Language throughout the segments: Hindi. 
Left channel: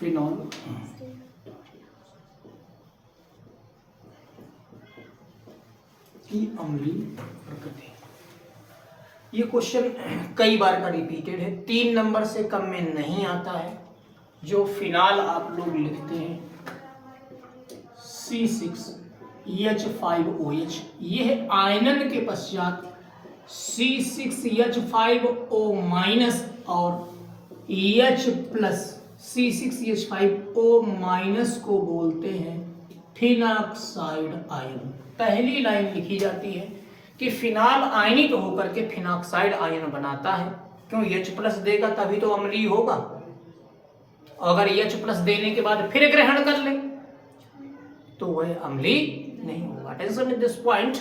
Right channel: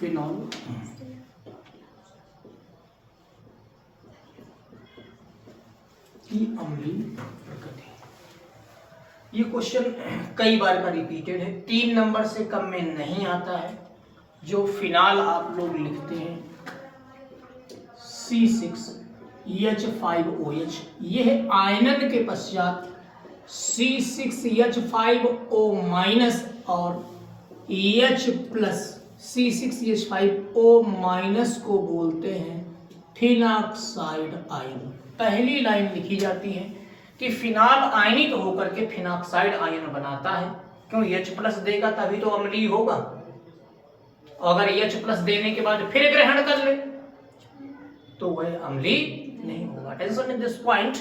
फिनॉल की अम्लीय प्रकृति। ये क्वेश्चन कई बार का रिपीटेड है, 3 नंबर से कम में नहीं आता है। जो फिनाल आप लोग लिखते हैं C6H5OH, ये है आयनन के पश्चात C6H5O- और H+ C6H5O- को बोलते हैं फिनॉक्साइड आयन। पहली लाइन लिखी जाती है कि फिनाल आयनित होकर के फिनॉक्साइड आयन बनाता है। क्यों? H+ देगा तभी तो अम्लीय होगा। अगर H+ देने के बाद फिर ग्रहण कर ले तो वह अम्लीय नहीं होगा। Attention at this point.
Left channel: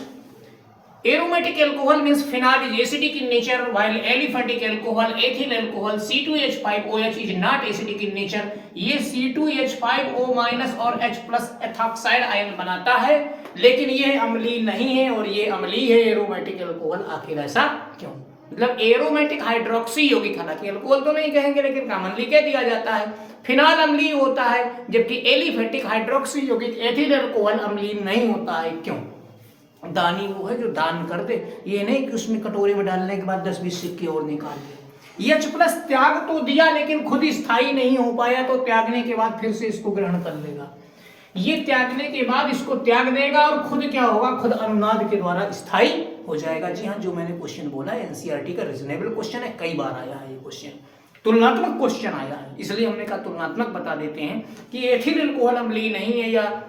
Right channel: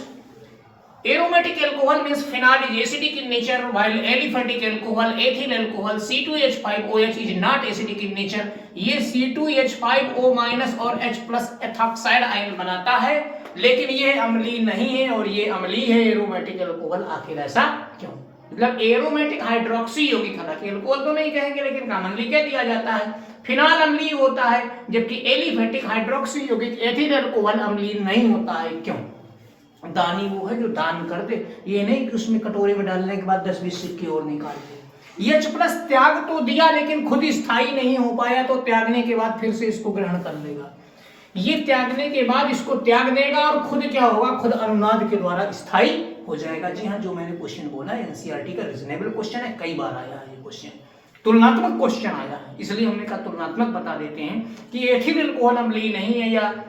Aromatic alcohol means phenol is acidic in nature, while aliphatic alcohol, ethyl alcohol, C2H5OH is not acidic in nature. ये C2H5O- और H+ एथॉक्साइड आयन बनाता है, लेकिन ये अम्लीय नहीं है और ये अम्लीय है एरोमेटिक अल्कोहल। आखिर ऐसा क्यों? मतलब एरोमेटिक हाइड्रोक्सी यौगिक, हालांकि अल्कोहल तो नहीं कहेंगे लेकिन कॉमनली कह दिया जाता है, फिनाल अम्लीय होता है, जबकि एलिफेटिक हाइड्रोक्सी यौगिक एथिल अल्कोहल अम्लीय नहीं होता है। क्यों? दानी वो है जो दान कर दे, ये नहीं कि उसमें कटोरे में डालने के बाद 10-20 सिक्के और निकाल दे। H+ त्याग तो दिया लेकिन खुद स्थायी नहीं हो पाया, तो त्यागने के बाद फिर से इसको ग्रहण कर लेगा। ये त्यागने के बाद इसको त्याग देगा और खुद क्या होगा? खुद अनुनाद के द्वारा स्थायी हो जाएगा। जी हाँ, जो मैंने क्वेश्चन बोला है एनसीईआरटी का रीजनेबल क्वेश्चन है, कई बार आया है ये क्वेश्चन, तुलनात्मक क्वेश्चन आया है, इसलिए हमने कहा तुलनात्मक बता देते हैं कि एथिल अल्कोहल अम्लीय नहीं है या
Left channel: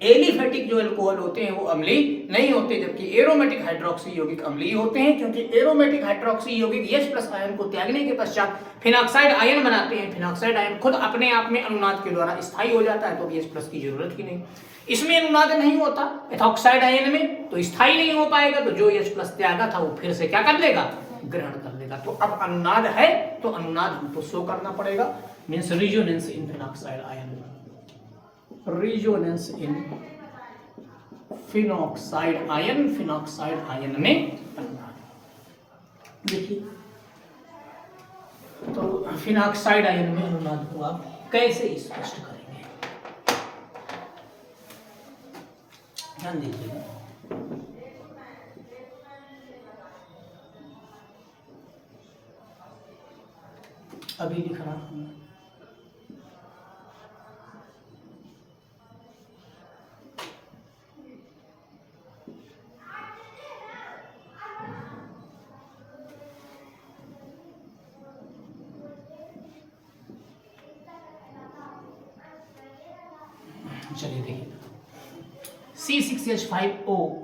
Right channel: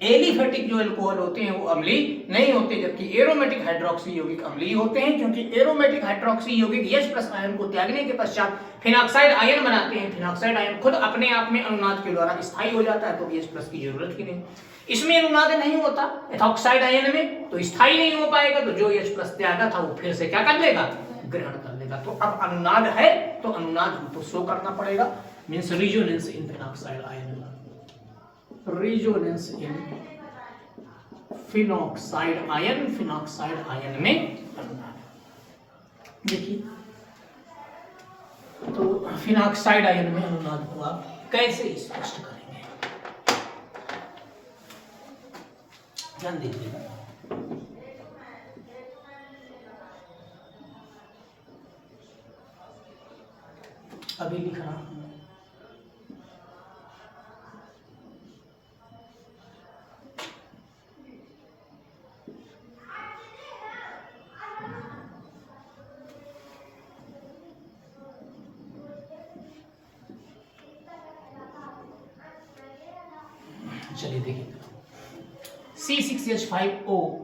एलिफेटिक जो अल्कोहल होते हैं वो अम्लीय नहीं होते, जबकि एरोमेटिक हाइड्रोक्सी यौगिक अम्लीय होते हैं, क्योंकि एरोमेटिक हाइड्रोक्सी यौगिक H+ आयन को त्यागने के पश्चात फिनॉक्साइड आयन बनाते हैं। फिनॉक्साइड आयन खुद अपने आप में अनुनाद के द्वारा स्थायी हो जाता है, तो H+ की जरूरत ही नहीं। इसमें अनुनाद नहीं होता एथॉक्साइड आयन में, तो स्थायी नहीं हो पाएगा, तो जो H+ त्यागा था वो फिर से क्या कर लेगा? ग्रहण कर लेगा। तो अब अनुनाद है तो अनुनाद हमको शो करना पड़ेगा, means resonance in phenoxide ion, resonance in phenoxide ion, phenoxide ion में अनुनाद। देखिए, तो फिनॉक्साइड आयन में अनुनाद को आप कैसे स्पष्ट करेंगे? ध्यान दीजिएगा। अभी लिख रहा हूं, चलिए देखिए, C6H5O-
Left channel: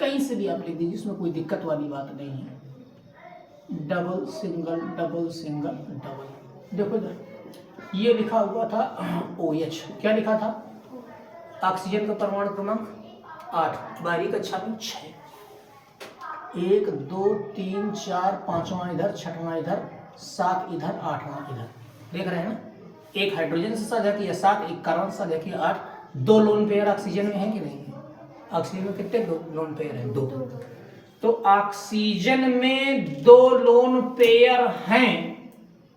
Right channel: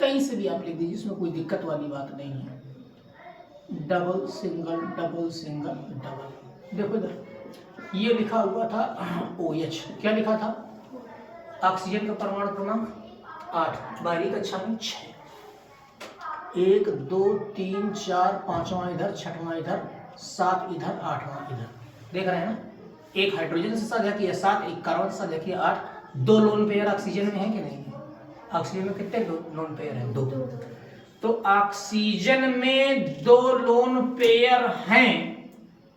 कहीं से भी आप लिख दीजिए, इसमें कोई दिक्कत वाली बात नहीं है। Double single double single double, देखो इधर ये लिखा हुआ था OH, क्या लिखा था? ऑक्सीजन का परमाणु क्रमांक 8, 12वीं कक्षा में 6, 1 2 3 4 5वां इधर, 6वां इधर, 7 इधर, 8वां इधर, देख रहे हैं ना? एक हाइड्रोजन से साझा किया 7, एक कार्बन से साझा किया 8, 2 लोन पेयर ऑक्सीजन में है कि नहीं है? ऑक्सीजन में कितने लोन पेयर हैं? 2। तो ऑक्सीजन में 2 लोन पेयर हैं,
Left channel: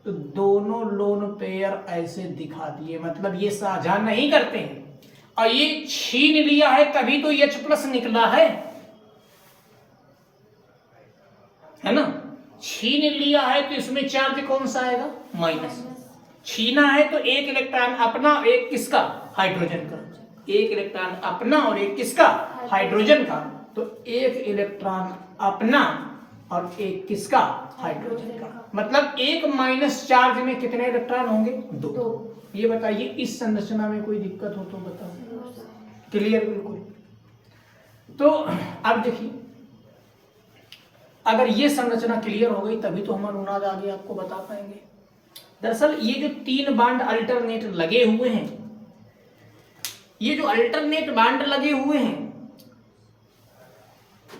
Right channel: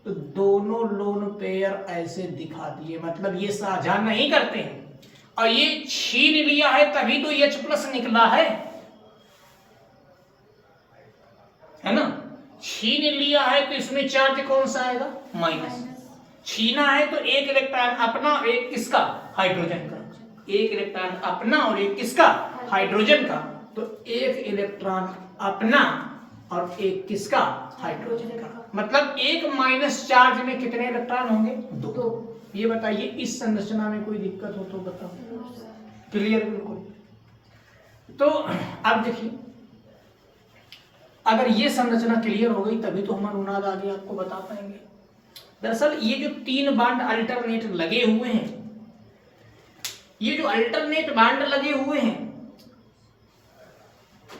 तो दोनों लोन पेयर ऐसे दिखा दिए, मतलब ये साझा नहीं करते हैं, और ये छीन लिया है तभी तो H+ निकला है ना? छीन लिया है तो इसमें चार्ज कौन सा आएगा? माइनस। छीना है तो एक इलेक्ट्रॉन अपना, एक किसका? हाइड्रोजन का। एक इलेक्ट्रॉन अपना और एक किसका? हाइड्रोजन का। तो एक इलेक्ट्रॉन अपना और एक किसका? हाइड्रोजन का। मतलब एक माइनस चार्ज में कितने इलेक्ट्रॉन होंगे? 2। ये बताइए, इस संरचना में कोई दिक्कत हो तो बताओ। क्लियर? बिल्कुल। तो अब देखिए, अगर ये संरचना क्लियर हो गई तभी तो हम अनुनाद आगे आपको बता पाएंगे। दरअसल ये जो 3 बांड अल्टरनेट लगे हुए हैं, ये जो अल्टरनेट बांड लगे हुए हैं,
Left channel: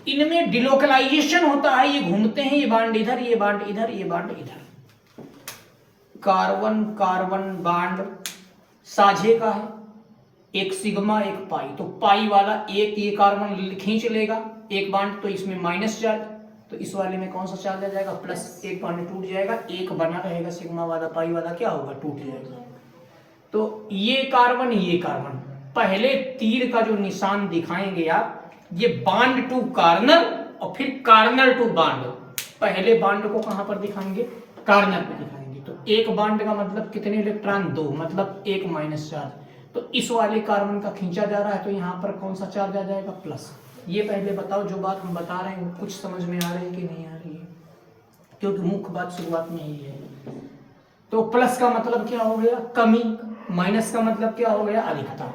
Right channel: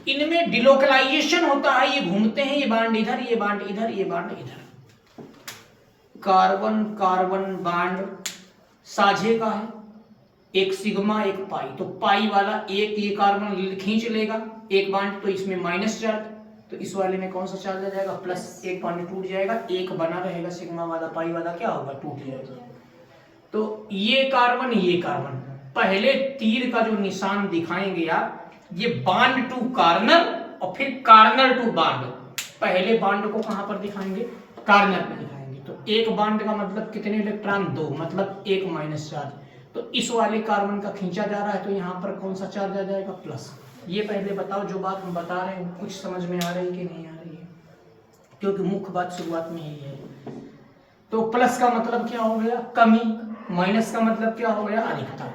इनमें डिलोकलाइजेशन होता है, ये घूमते हैं, ये बांड इधर, ये बांड इधर, ये बांड इधर। कार्बन कार्बन बांड साझे का है, एक सिग्मा एक पाई, तो पाई वाला एक ये कार्बन खींच लेगा एक बांड, तो इसमें माइनस चार्ज, तो इस वाले में कौन सा चार्ज आ जाएगा? प्लस। एक बॉन्ड टूट जाएगा, एक बना रहेगा, सिग्मा वाला पाई वाला क्या होगा? टूट जाएगा। तो ये कार्बन पहले तीर का जो निशान दिखाएंगे आप, ये बॉन्ड टू कार्नर और फिर कार्नर टू बॉन्ड। पहले बॉन्ड को कहां पर दिखाएंगे? कार्नर पे दिखाएंगे। तो एक बॉन्ड का मतलब कितने इलेक्ट्रॉन? 2, मतलब एक माइनस चार्ज। तो इस वाले कार्बन का खींचा जा रहा है, तो यहाँ पर कौन सा चार्ज आ जाएगा? प्लस। ये पहले बताओ, जो बात हम बता रहे हैं कुछ समझ में आ रही है कि नहीं आ रही है? क्योंकि मुख्य बात शुरुआत में यही है। तो प्लस का मतलब क्या हो गया? कमी। माइनस का मतलब क्या हो गया? अधिकता।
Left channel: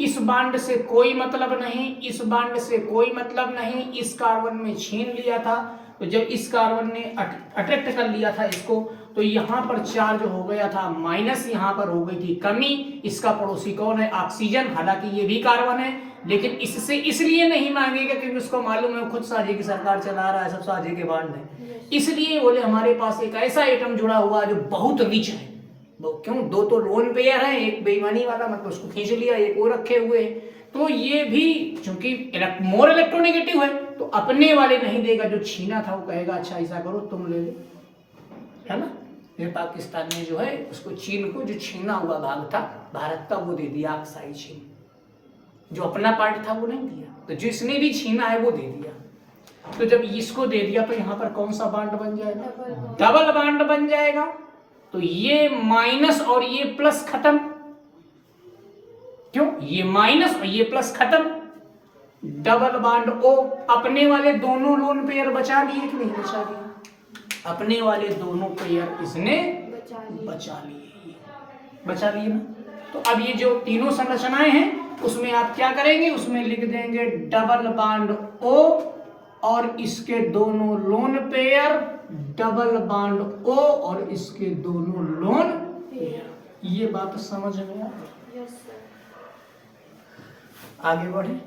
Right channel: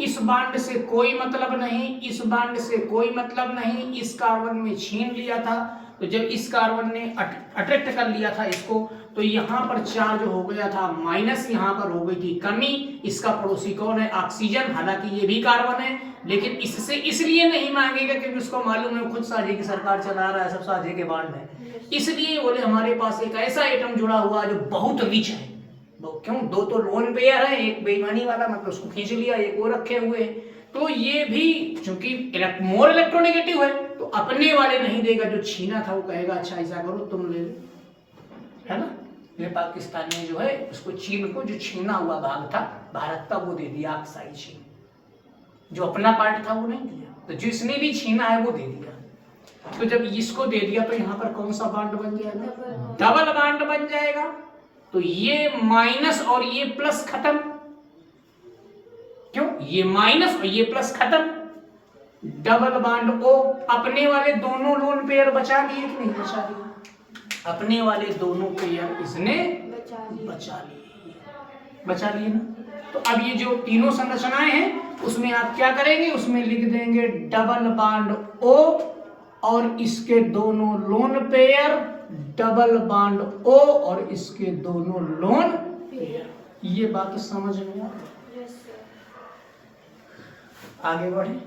इस बॉन्ड से कोई मतलब नहीं, इस बॉन्ड से कोई मतलब नहीं, इस कार्बन में छीन लिया था। तो जब इस कार्बन ने अट्रैक्ट कर लिया था इसको, तो यहाँ पर चार्ज हो गया था माइनस, यहाँ पर हो गई थी कमी। इसका पड़ोसी कौन है? ऑक्सीजन। हालांकि ये भी कार्बन है, लेकिन इससे इसलिए नहीं मांगेगा क्योंकि उसको मालूम है खुद साझे की सरकार चला रहा है, सब साझे के बॉन्ड है। इसलिए बोले हमारे पास एक ऐसा आइटम जुड़ा हुआ जो बहुत रिच है। क्यों? 2 तो लोन पेयर है, एक बेईमानी वाला, मतलब उसको खींच लिया, एक वो रखे हुए। तो ये भी चूंकि मोर इलेक्ट्रोनेगेटिव है, तो अपने वाले नहीं देगा, जो छीना था वो कहेगा अच्छा ऐसा करो तुम ले लो, है ना। ये पाकिस्तान ने जो है उसको, चीन को जो छीना हुआ भाग था भारत का, वो दे दिया ऑक्साइड चीन। जो अपना पार्ट था वो नहीं दिया, तो जिसने भी छीना है वो दे दिया। तो जब इसको दे दिया तो यहाँ पर कौन सा बॉन्ड बन जाएगा? डबल बॉन्ड बन जाएगा। तो ये माइनस और ये प्लस खत्म। क्यों? ये माइनस और ये प्लस खत्म। डबल बॉन्ड ओ, अपने वाले दोनों लोन पेयर बचा लिए कि नहीं बचा लिए? अपने वाले दोनों पेयर इसने बचा लिए ना। तो अब ये जो तीनों संरचनाएं हैं उसमें आप क्या करेंगे? उसमें लिख देंगे डबल बॉन्ड ओ और इसके दोनों lone pair, double bond O और इसके दोनों लोन पेयर। ये बात समझ में आ गई? आगे बढ़े,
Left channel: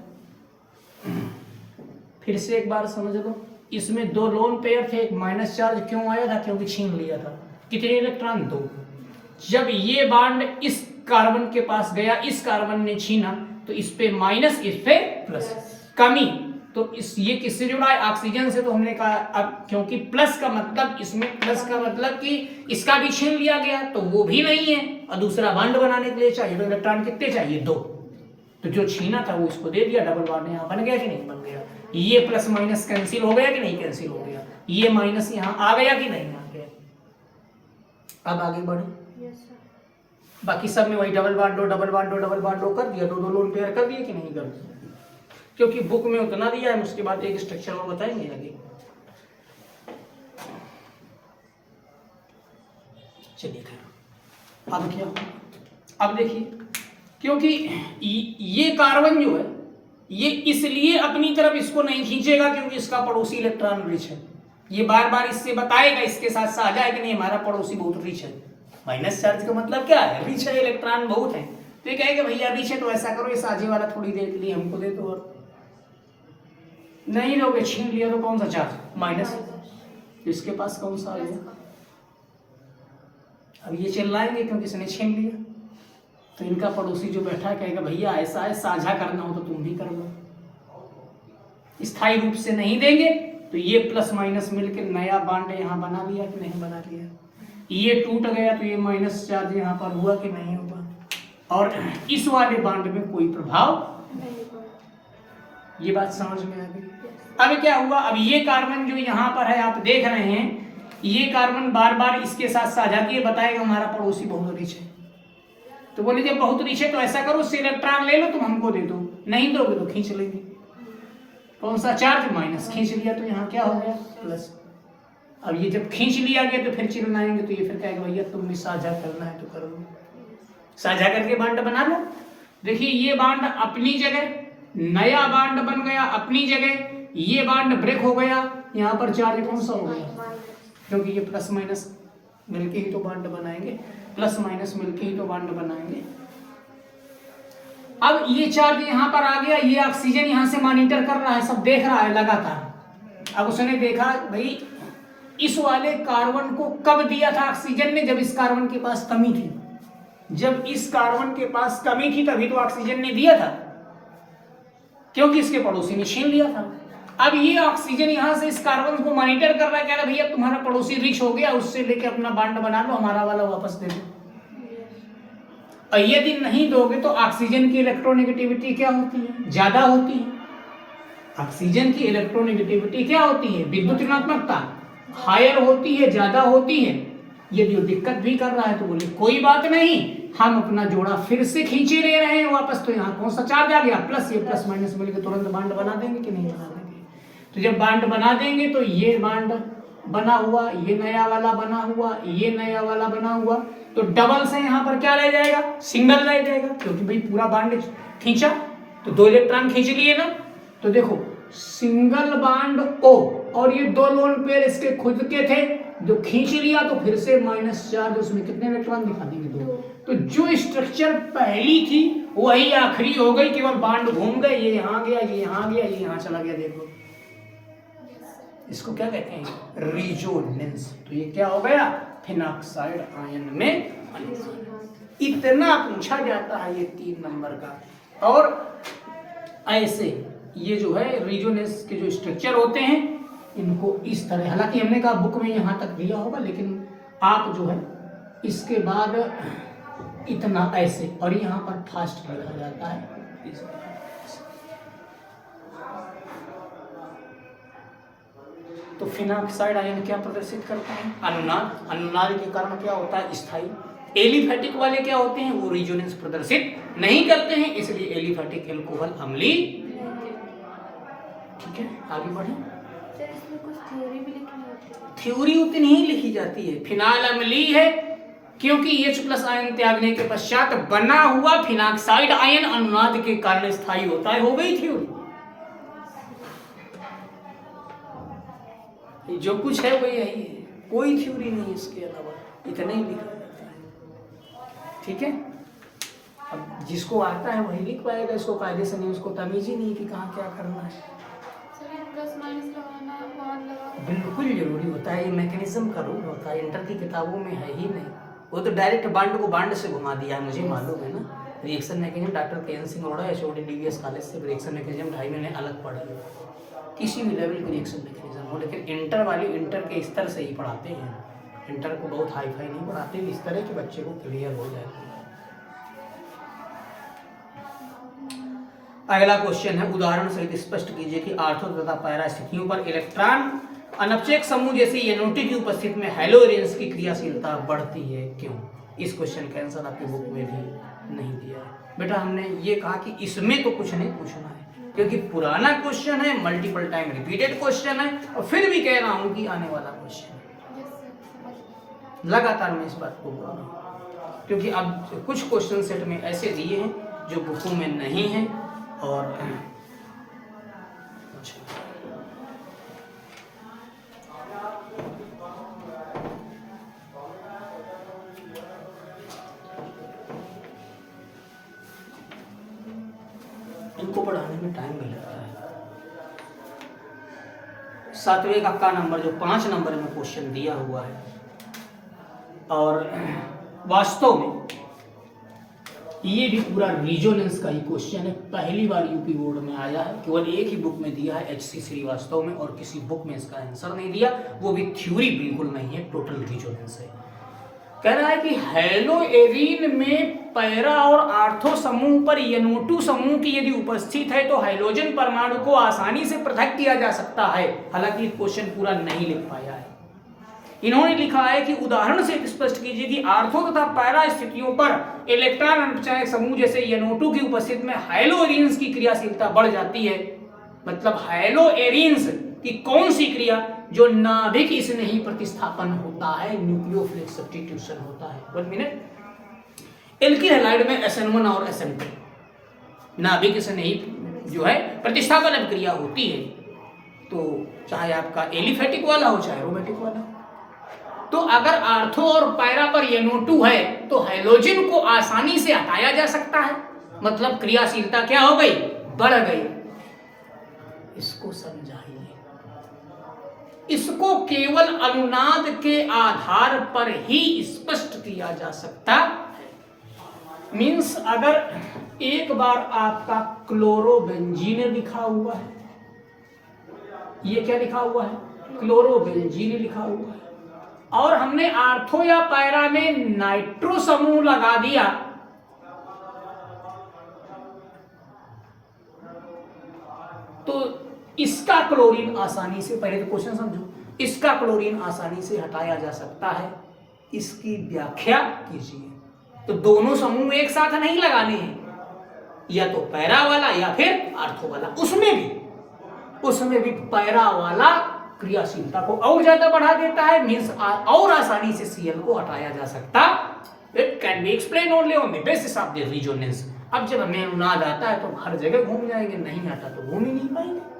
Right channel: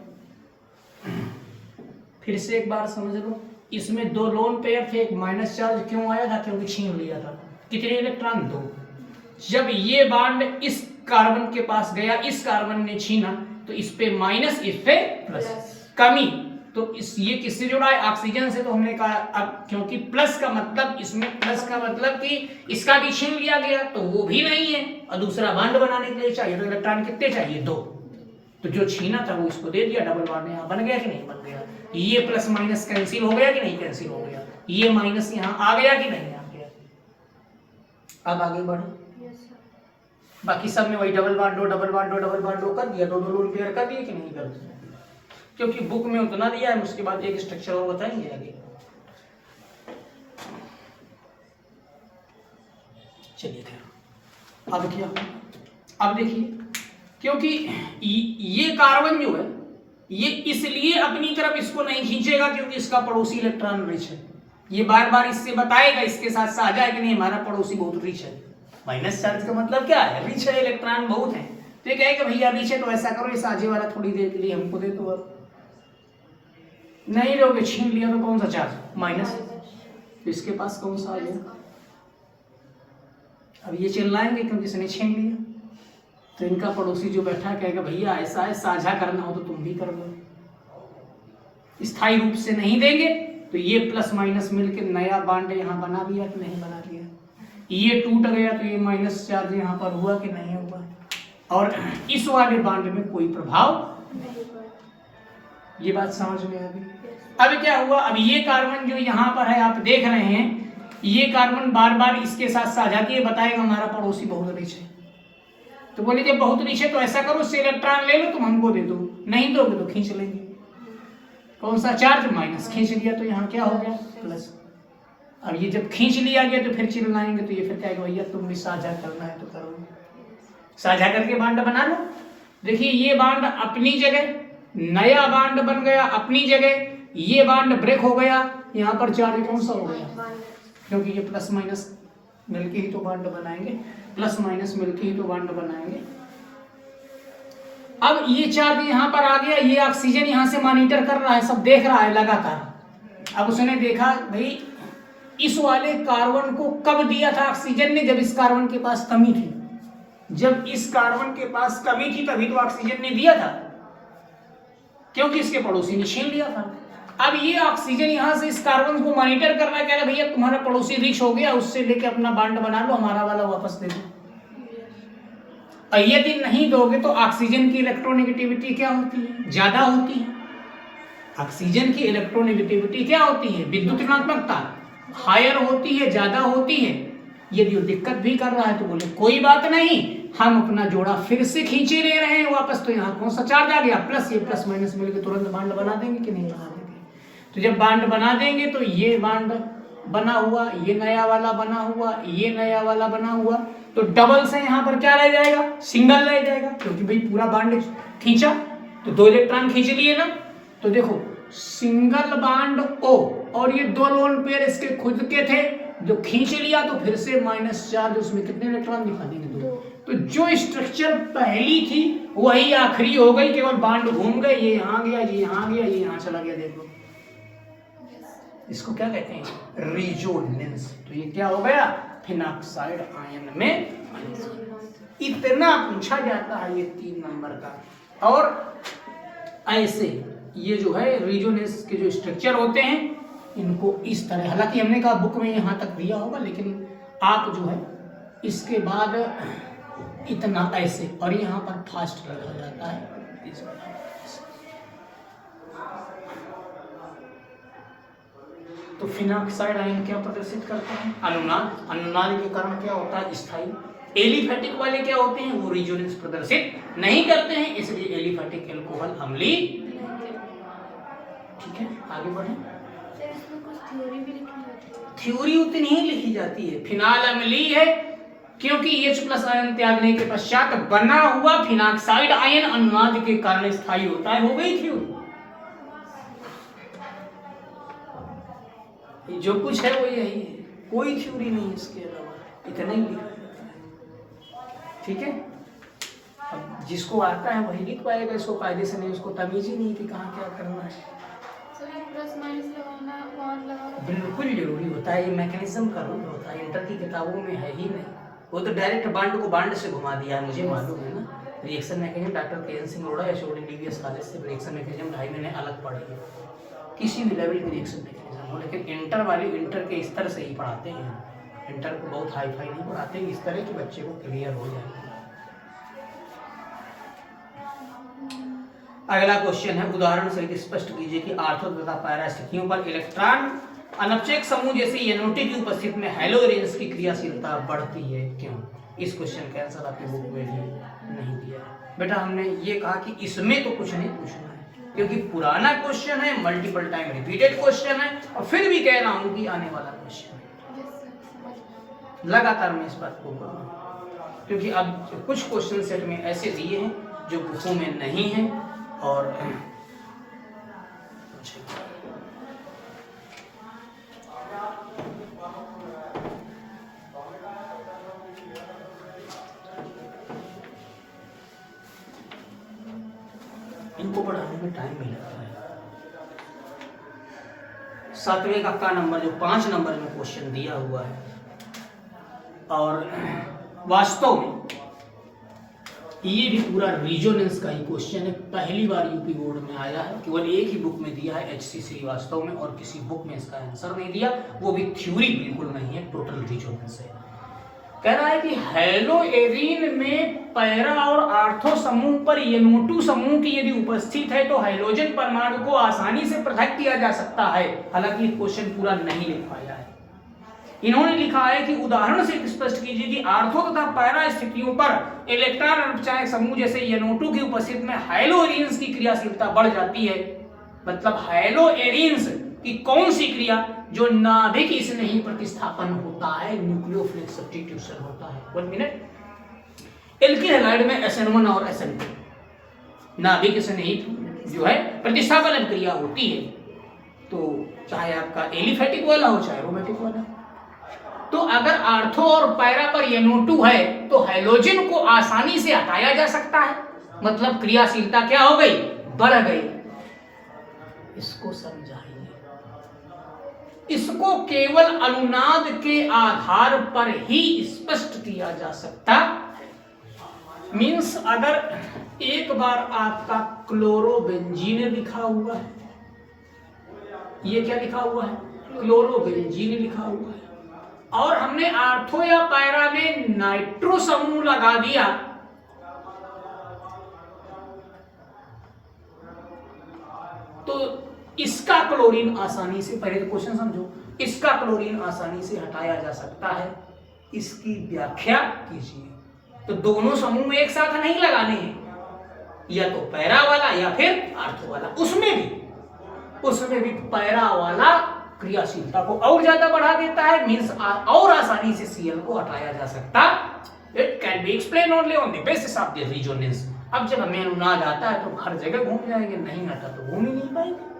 फिर से एक बार समझ लो। इसमें 2 लोन पेयर थे, एक माइनस चार्ज क्यों आया था? क्योंकि छीन लिया था। कितने इलेक्ट्रॉन? 2। जब ये बॉन्ड इस कार्बन के पास गया, इस कार्बन ने छीना, तो इस पे माइनस, इस पे प्लस, कमी। तो इस ये किससे जुड़ा है? ऑक्सीजन से। तो हमने कहा अब क्योंकि प्लस का मतलब, इसमें प्लस का मतलब कि इसका भी छीन लिया गया, तो वो भी नहीं है, और दूसरा बॉन्ड बनाने के लिए चाहिए तो इलेक्ट्रॉन कितने चाहिए? 2। तो जो छीना था वो इसको दे दिया, डबल बॉन्ड यहाँ बन गया कि नहीं बन गया? ये प्लस माइनस कैंसिल हो गया कि नहीं कैंसिल हो गया? ये माइनस यहाँ आ गया कि नहीं आ गया? अब आगे बढ़े। बाकी सब में वही डबल बॉन्ड दो कर दिया, 2 लोन पेयर कर दिए कि नहीं कर दिया? क्योंकि बुक में उतना दिया है, उसके बाद एक स्ट्रक्चर और बताएंगे आगे। चलिए खैर, अब क्या? अब देखिए, क्योंकि ये कार्बन जो है ये इसलिए अपनी तरफ इसको नहीं खींचेगा क्योंकि इसका पड़ोसी इलेक्ट्रॉन रिच है। ये बार बार इससे बताएगा, इसके साथ साझा है कि नहीं, हमारा पड़ोसी बहुत रिच है। माइनस चार्ज का मतलब क्या है? रिच है, इलेक्ट्रॉन बहुत है। तो ये कहेगा भैया रिच है तो ऐसा करो, ये साझे वाला थोड़ी देर के लिए हमको दे दो, और नहीं लोगे, छीन लिया तो कौन सा चार्ज? माइनस। तो इसके पास कौन सा आ गया? अब ये चिल्लाएंगे क्योंकि इसने छीन लिया। तो इनका पड़ोसी जो बैठा है कहेगा भैया ऐसा है, साझा करना हो तो तुम भी कर लो। स्थायी रूप से नहीं देंगे तो ये प्लस माइनस मिलकर नया बॉन्ड यहाँ बना लिया कि नहीं बना लिया? ये टूट गया तो ये माइनस चार्ज यहाँ पर हुआ कि नहीं हुआ? और इस वाले बॉन्ड में कोई प्रभाव नहीं पड़ा। ये बात समझ में आ गई? अब क्या हुआ? अब ये कार्बन जो यहाँ पर है आप देख रहे हैं, ये कार्बन बार बार इसके साथ साझा किए, बताएगा हमारा पड़ोसी बहुत रिच है। तो बोले जब बहुत रिच है तो ऐसा करो, उससे इलेक्ट्रॉन ले लो, तुम हमको दे दो, नहीं दोगे तो खींच लेंगे। कौन सा चार्ज? माइनस। खींच लिया तो यहाँ क्या हो गया? प्लस। अब ये जब खींच लिया गया तो फिर चिल्लाएंगे, तो ये फिर कहेगा भैया तुमने साझा करना है तो करो, साझा करके बॉन्ड बना लो। देखिए ये बॉन्ड अपनी जगह, नया बॉन्ड बन गया अपनी जगह, ये बॉन्ड ब्रेक हो गया, यहाँ पर चार्ज कौन सा हो गया? क्योंकि ये प्लस माइनस मिलके ही तो बॉन्ड बनाएंगे, प्लस माइनस मिलके ही तो बॉन्ड बनाएंगे। अब ये चार्ज यहाँ पर आ गया, ये ऑक्सीजन यहाँ से मॉनिटर कर रहा है, सब देख रहा है लगातार। अब उसने देखा भाई इस वाले कार्बन को कब दिया था ऑक्सीजन ने? जब इस कार्बन के पास कमी थी। जब इस कार्बन के पास कमी थी तभी तो ऑक्सीजन ने दिया था, क्योंकि इसके पड़ोसी ने छीन लिया था। अब ये ऑक्सीजन यहाँ से इस कार्बन को मॉनिटर कर रहा है, कह रहा है भैया तुम्हारा पड़ोसी रिच हो गया, उससे लेके अपना बांड बना लो, हमारा वाला वापस दे दो। और यदि नहीं दोगे तो ऑक्सीजन की इलेक्ट्रोनेगेटिविटी क्या होती है? ज्यादा होती है। ऑक्सीजन की इलेक्ट्रोनेगेटिविटी क्या होती है? विद्युत ऋणात्मकता हायर होती है, ज्यादा होती है। यदि वो दिक्कत भी कर रहा है तो बोले कोई बात नहीं, हम अपना जोड़ा फिर से खींचे ले रहे हैं वापस, तो यहाँ कौन सा चार्ज आ गया? प्लस, ये प्लस माइनस मिलकर तुरंत बांड बना देंगे कि नहीं बना देंगे? तो जब बांड बना देंगे तो ये बांड बना हुआ, ये नया वाला बना हुआ, ये नया वाला बना हुआ, तो डबल से यहाँ पर क्या रह जाएगा? सिंगल रह जाएगा, क्योंकि भाई पूरा बांड खींचा तो 2 इलेक्ट्रॉन खींच लिए ना। तो देखो सिंगल बांड O, और ये 2 लोन पेयर इसके खुद के थे, जो खींच लिया तो फिर से माइनस चार्ज, उसमें कितने इलेक्ट्रॉन दिखा देंगे? 2। तो जो स्ट्रक्चर पहली थी वही आखिरी हो गई, केवल बांड घूम गए, ये यहाँ गया, ये यहाँ गया, ये यहाँ चला गया। देखो इसको क्या कहते हैं? रिजोनेंस। तो ये क्या हो गया? फिनॉक्साइड आयन में। इतना पूछा जाता है ये 3 नंबर का। और ऐसे ये जो है रिजोनेंस के जो स्ट्रक्चर होते हैं इनको इस तरह, हालांकि हमने कहा बुक में यहाँ तक दिया होगा, लेकिन आप जो है इसके बाद इतना ऐसे, और यहाँ पर फास्ट लिखा जाता है। तो फिनॉक्साइड आयन क्या प्रदर्शित करते हैं? अनुनाद। अनुनाद के कारण क्या होता है? स्थायी। एलिफेटिक वाले क्या होते हैं? वो रिजोनेंस प्रदर्शित नहीं करते हैं, इसलिए एलिफेटिक एल्कोहल अम्लीय। ठीक है, आगे बढ़े। थ्योरी उतनी ही लिखी जाती है। फिनाल अम्लीय है क्योंकि H+ आयन त्यागने के पश्चात बना हुआ फिनॉक्साइड आयन अनुनाद के कारण स्थायी होता है। हो गई थ्योरी। जो कुछ है वो यही है, कोई थ्योरी नहीं इसके अलावा, इतना ही लिखा जाता है। ठीक है, अब जिसको आता है वही लिख पाएगा, इसको कायदे से नहीं, उसको तमीज ही नहीं कि कहाँ क्या करना है। बिल्कुल जरूरी होता है, ये मैकेनिज्म का रूल होता है, इंटर की किताबों में है ही नहीं। वो तो डायरेक्ट बांड को बांड से घुमा दिया है, मुझे मालूम है ना। Reaction mechanism doctor K. N.. Singh Arora HOD DBS college से रिएक्शन मैकेनिज्म भाई मैंने अलग पढ़ी है, किसी भी लेवल की रिएक्शन मैकेनिज्म हो, लेकिन इंटर वाले इंटर के स्तर से ही पढ़ाते हैं। इंटर को बहुत हाई फाई नहीं पढ़ाते, इस तरह के बच्चे को क्लियर हो जाए। अगला क्वेश्चन है, उदाहरण सहित स्पष्ट कीजिए कि आर्थो तथा पैरा स्थितियों पर इलेक्ट्रॉन अनपचयक समूह जैसे NO2 की उपस्थिति में हैलोजेंस की क्रियाशीलता बढ़ती है, क्यों? इस क्वेश्चन का आंसर आपकी बुक में भी नहीं दिया है। बेटा हमने ये कहा कि इसमें तो कुछ नहीं पूछना है, क्योंकि पुराना क्वेश्चन है, मल्टीपल टाइम रिपीटेड क्वेश्चन है, और फिर भी कह रहा हूं कि आने वाला क्वेश्चन है। लगातार मैं इस बात को बोल रहा हूं, क्योंकि अब कुछ क्वेश्चन सेट में ऐसे दिए हैं जो बुकों में नहीं है। और इनको पढ़ाने में टाइम भी लगता है। 7वें का नंबर जो 5 नंबर में क्वेश्चन दिया हुआ है, और वास्तव में ये भी पूरा रिजोनेंस का ही क्वेश्चन है। पहली बार यूपी बोर्ड में आया है, केवल एक ही बुक में दिया है HC श्रीवास्तव में, और किसी बुक में इसका आंसर नहीं दिया, वो भी थ्योरी बिल्कुल नहीं है, टोटल रिजोनेंस है। कह रहा है कि हैलोएरीन में पैरा और आर्थो समूह पर NO2 समूह की यदि उपस्थित है तो हाइड्रोजन परमाणु को आसानी से पृथक किया जा सकता है। हालांकि क्वेश्चन पूरा नहीं लिख पाया है। इन्होंने लिखा है कि उदाहरण से स्पष्ट कीजिए कि आर्थो तथा पैरा स्थितियों पर इलेक्ट्रॉन अनपचयक समूह जैसे NO2 की उपस्थिति में हैलोएरीन्स की क्रियाशीलता बढ़ जाती है। मतलब हैलोएरीन्स की कौन सी क्रिया? जो नाभिक इसमें ही प्रतिस्थापन होता है, न्यूक्लियोफिलिक सब्स्टिट्यूशन होता है। 1 मिनट। एल्किल हैलाइड में SN1 और SN2 नाभिक इसमें ही जो है प्रतिस्थापन क्रिया होती है, तो चाहे आपका एलिफेटिक वाला हो चाहे एरोमेटिक वाला। तो अगर आर्थो और पैरा पर NO2 है तो हैलोजन को आसानी से हटाया जा सकता है, मतलब क्रियाशीलता क्या हो गई? बढ़ गई। इसको समझाइए। इसको केवल अनुनाद के आधार पर ही स्पष्ट किया जा सकता। मीन्स अगर एक बार आपका क्लोरोबेंजीन लिखा हुआ है ये क्या लिखा हुआ है, क्लोरोबेंजीन लिखा हुआ है। और हमने आर्थो या पैरा में नाइट्रो समूह लगा दिया तो इसका क्लोरीन आसानी से, पहले तो क्वेश्चन समझो, इसका क्लोरीन आसानी से हटाया जा सकता है। इसकी व्याख्या कीजिए। तो दोनों समूह में एक साथ नहीं लगाने हैं, या तो पैरा वाला या फिर आर्थो वाला। उसमें भी पैरा वाला क्रियाशीलता को और ज्यादा बढ़ा देता है, मींस और आसानी से Cl को हटाया जा सकता। It can be explain only on the basis of the resonance. अब जब हमें अनुनाद आता है तो हर जगह घूम जाएंगे, नहीं आता तो घूम ही नहीं पाएंगे।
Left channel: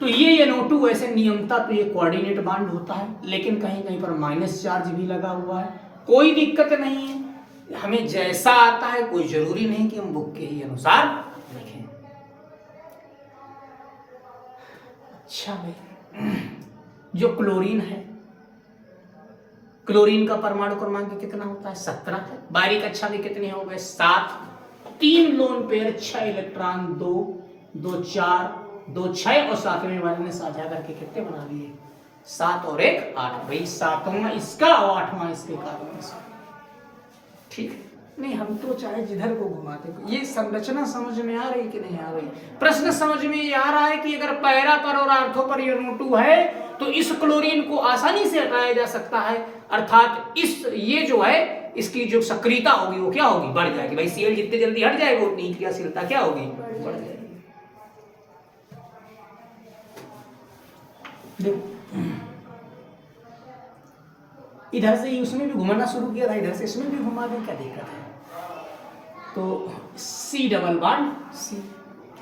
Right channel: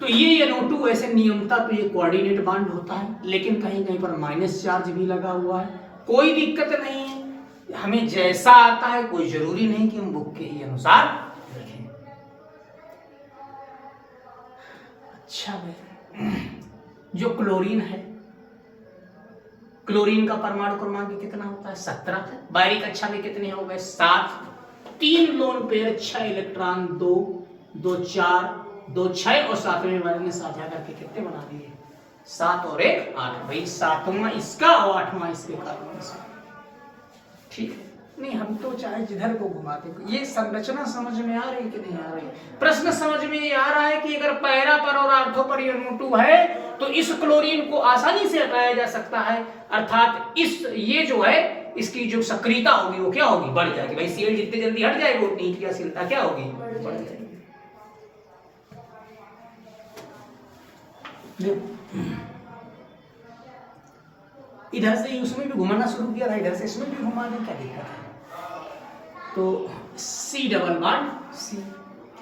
तो ये NO2 ऐसे नियमता तो ये कोऑर्डिनेट बांड होता है, लेकिन कहीं कहीं पर माइनस चार्ज भी लगा हुआ है, कोई दिक्कत नहीं है। हमें जैसा आता है कोई जरूरी नहीं कि हम बुक के ही अनुसार लिखें। अच्छा भाई, जो क्लोरीन है, क्लोरीन का परमाणु क्रमांक कितना होता है, 17। बारीक कक्षा में कितने हो गए, 7। 3 लोन पेयर, 6 इलेक्ट्रॉन, 2 2 4 2 6 और 7वें वाले ने साझा करके कितने बना दिए, 7 और 1 8। भाई 7वां इसका और 8वां इसके कारण इसका। ठीक है, नहीं हम तो चाहे जिधर को घुमाते। ये संरचना समझ में आ रही कि नहीं आ रही? प्रश्न समझ में ये आ रहा है कि अगर पैरा पर और आर्थो पर NO2 है तो इस क्लोरीन को आसानी से हटाया जा सकता है, अर्थात इस ये जो है इसकी जो सक्रियता होगी वो क्या होगी, बढ़ जाएगी। भाई Cl जितनी जल्दी हट जाएगा उतनी क्रियाशीलता क्या होगी, बढ़ जाएगी। इधर से ही उसमें भी घुमाना शुरू किया था, इधर से इसमें भी घुमा दें, क्या दिक्कत है? तो C डबल बॉन्ड C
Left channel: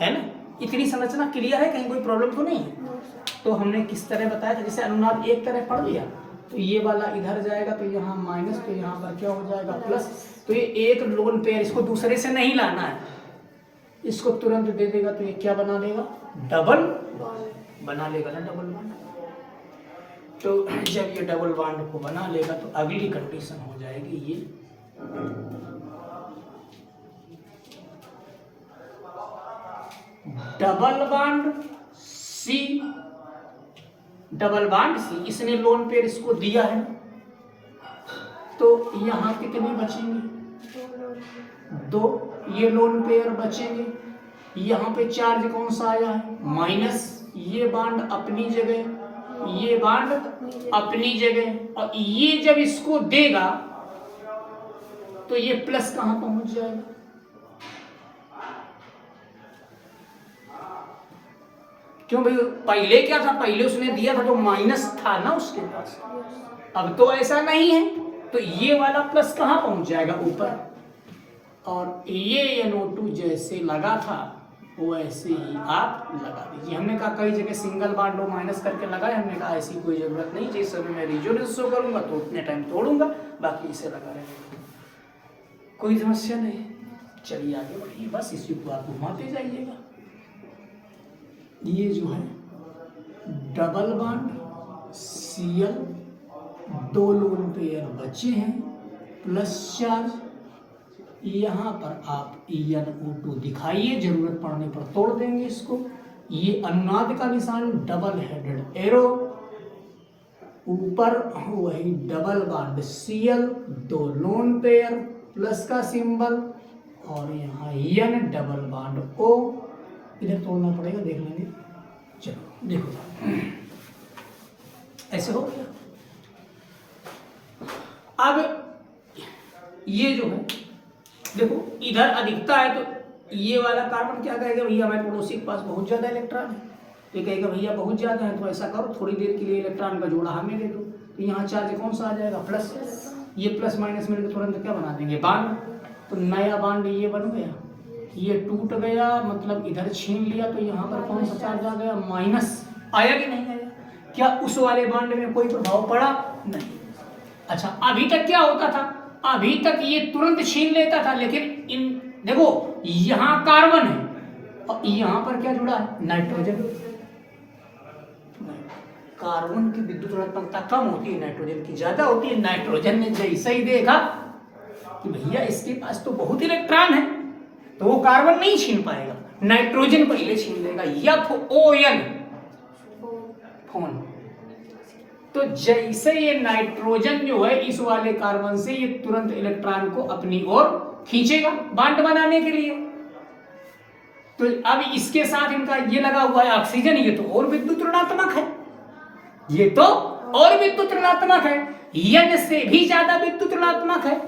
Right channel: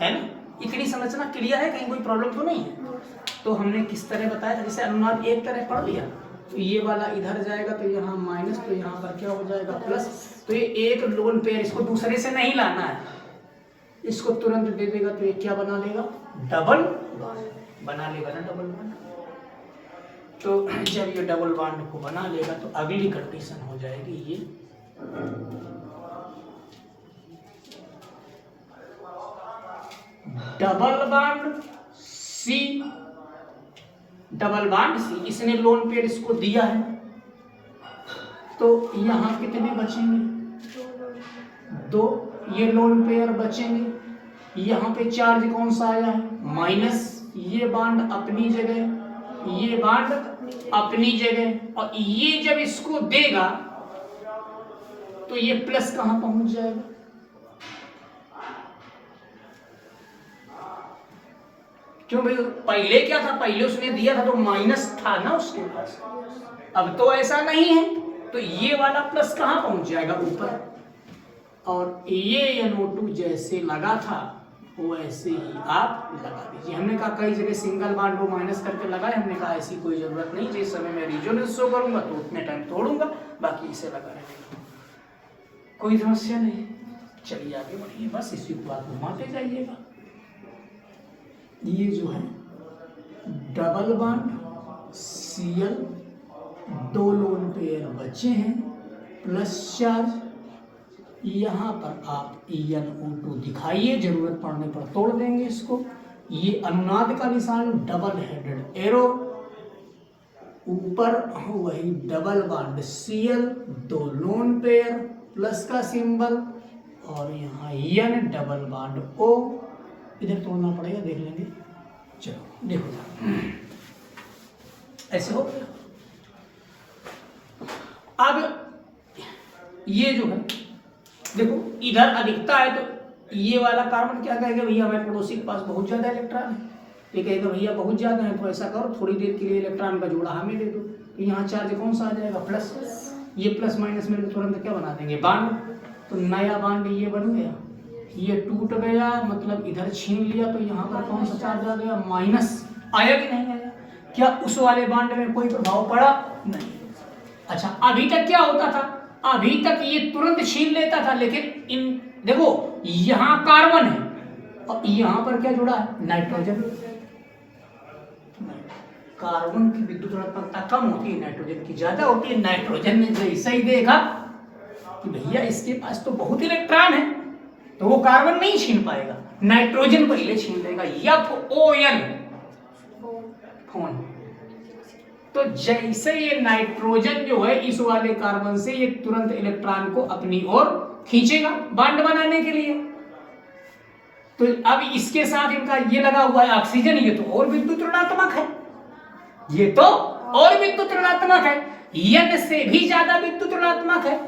है ना, इतनी संरचना क्लियर है, कहीं कोई प्रॉब्लम तो नहीं है? तो हमने किस तरह बताया था, जैसे अनुनाद एक तरह पढ़ लिया तो ये वाला इधर जाएगा तो यहाँ माइनस, तो यहाँ पर क्या हो जाएगा प्लस। तो ये एक लोन पेयर, इसको दूसरे से नहीं लाना है, इसको तुरंत दे देगा तो ये क्या बना लेगा, डबल बना लेगा ना, डबल बॉन्ड। तो जब ये डबल बॉन्ड को बना लेगा तो अगली कंडीशन हो जाएगी ये double bond C, double bond C। इसने लोन पेयर इसको दिया है तो यहाँ कितने बचेंगे, 2। ये लोन पेयर बचेंगे, यहाँ पे चार्ज कौन सा आया है, माइनस। ये बॉन्ड अपनी जगह, ये बॉन्ड अपनी जगह, और ये जब इसको देगा तो ये प्लस कहां पहुंच जाएगा, क्यों भाई? पहले क्या था, पहले उसने दिया था तो माइनस था ना उसके पास, अब तो ऐसा नहीं है, तो ये वाला प्लस कहां पहुंच जाएगा, ऊपर। और ये NO2 जैसे लगा था वैसे ही आप लगा दीजिए। हमने कहा कई जगह सिंगल बॉन्ड को माइनस करके लगाए, हमने कहा ऐसी कोई जरूरत नहीं, जिस समय मैं रेजोनेंस शो करूंगा तो उतने टाइम तोड़ूंगा, बाकी इसे लगा रहेगा, कोई समस्या नहीं। चलिए आगे बढ़िए, बस इसी को आप घुमाते जाइएगा। ये जो है double bond Cl, 2 lone pair बचे हैं, प्लस चार्ज। यहाँ पर आप NO2 दिखाइए, जरूरत पड़ने पर तोड़ देंगे इसको। ये अनुनाद का निशान, डबल हेडेड एरो, ऊपर वही double bond Cl, 2 lone pair, plus का सिंबल, और यहाँ N डबल बॉन्ड O। इधर तोड़ना पड़ेगा, देख लेंगे। चलो देखो, ऐसे हो गया। अब ये जो है देखो, इधर अधिकता है तो ये वाला कार्बन क्या कहेगा, भैया हमारे पड़ोसी के पास बहुत ज्यादा इलेक्ट्रॉन है, ये कहेगा भैया बहुत ज्यादा है तो ऐसा करो थोड़ी देर के लिए इलेक्ट्रॉन का जोड़ा हमें दे दो। तो यहाँ चार्ज कौन सा आ जाएगा, प्लस। ये प्लस माइनस मिलकर तुरंत क्या बना देंगे, बॉन्ड। तो नया बॉन्ड ये बन गया, ये टूट गया, मतलब इधर छीन लिया, तो यहाँ पर कौन सा चार्ज आ गया, माइनस। आया कि नहीं आया? क्या उस वाले बॉन्ड में कोई प्रभाव पड़ा? नहीं। अच्छा, अभी तक क्या होता था, अभी तक ये तुरंत छीन लेता था, लेकिन इन देखो यहाँ कार्बन है और यहाँ पर क्या जुड़ा है, नाइट्रोजन। कार्बन की विद्युत ऋणात्मकता कम होती है, नाइट्रोजन की ज्यादा होती है। नाइट्रोजन ने जैसे ही देखा कि भैया इसके पास तो बहुत इलेक्ट्रॉन है, तो वो कार्बन नहीं छीन पाएगा, नाइट्रोजन पहले छीन लेगा, FON फोन। तो जैसे ये नाइट्रोजन जो है इस वाले कार्बन से ये तुरंत इलेक्ट्रॉन को अपनी ओर खींचेगा बॉन्ड बनाने के लिए। तो अब इसके साथ इनका ये लगा हुआ है ऑक्सीजन, ये तो और विद्युत ऋणात्मक है, ये तो और विद्युत ऋणात्मक है, N से भी ज्यादा विद्युत ऋणात्मक है,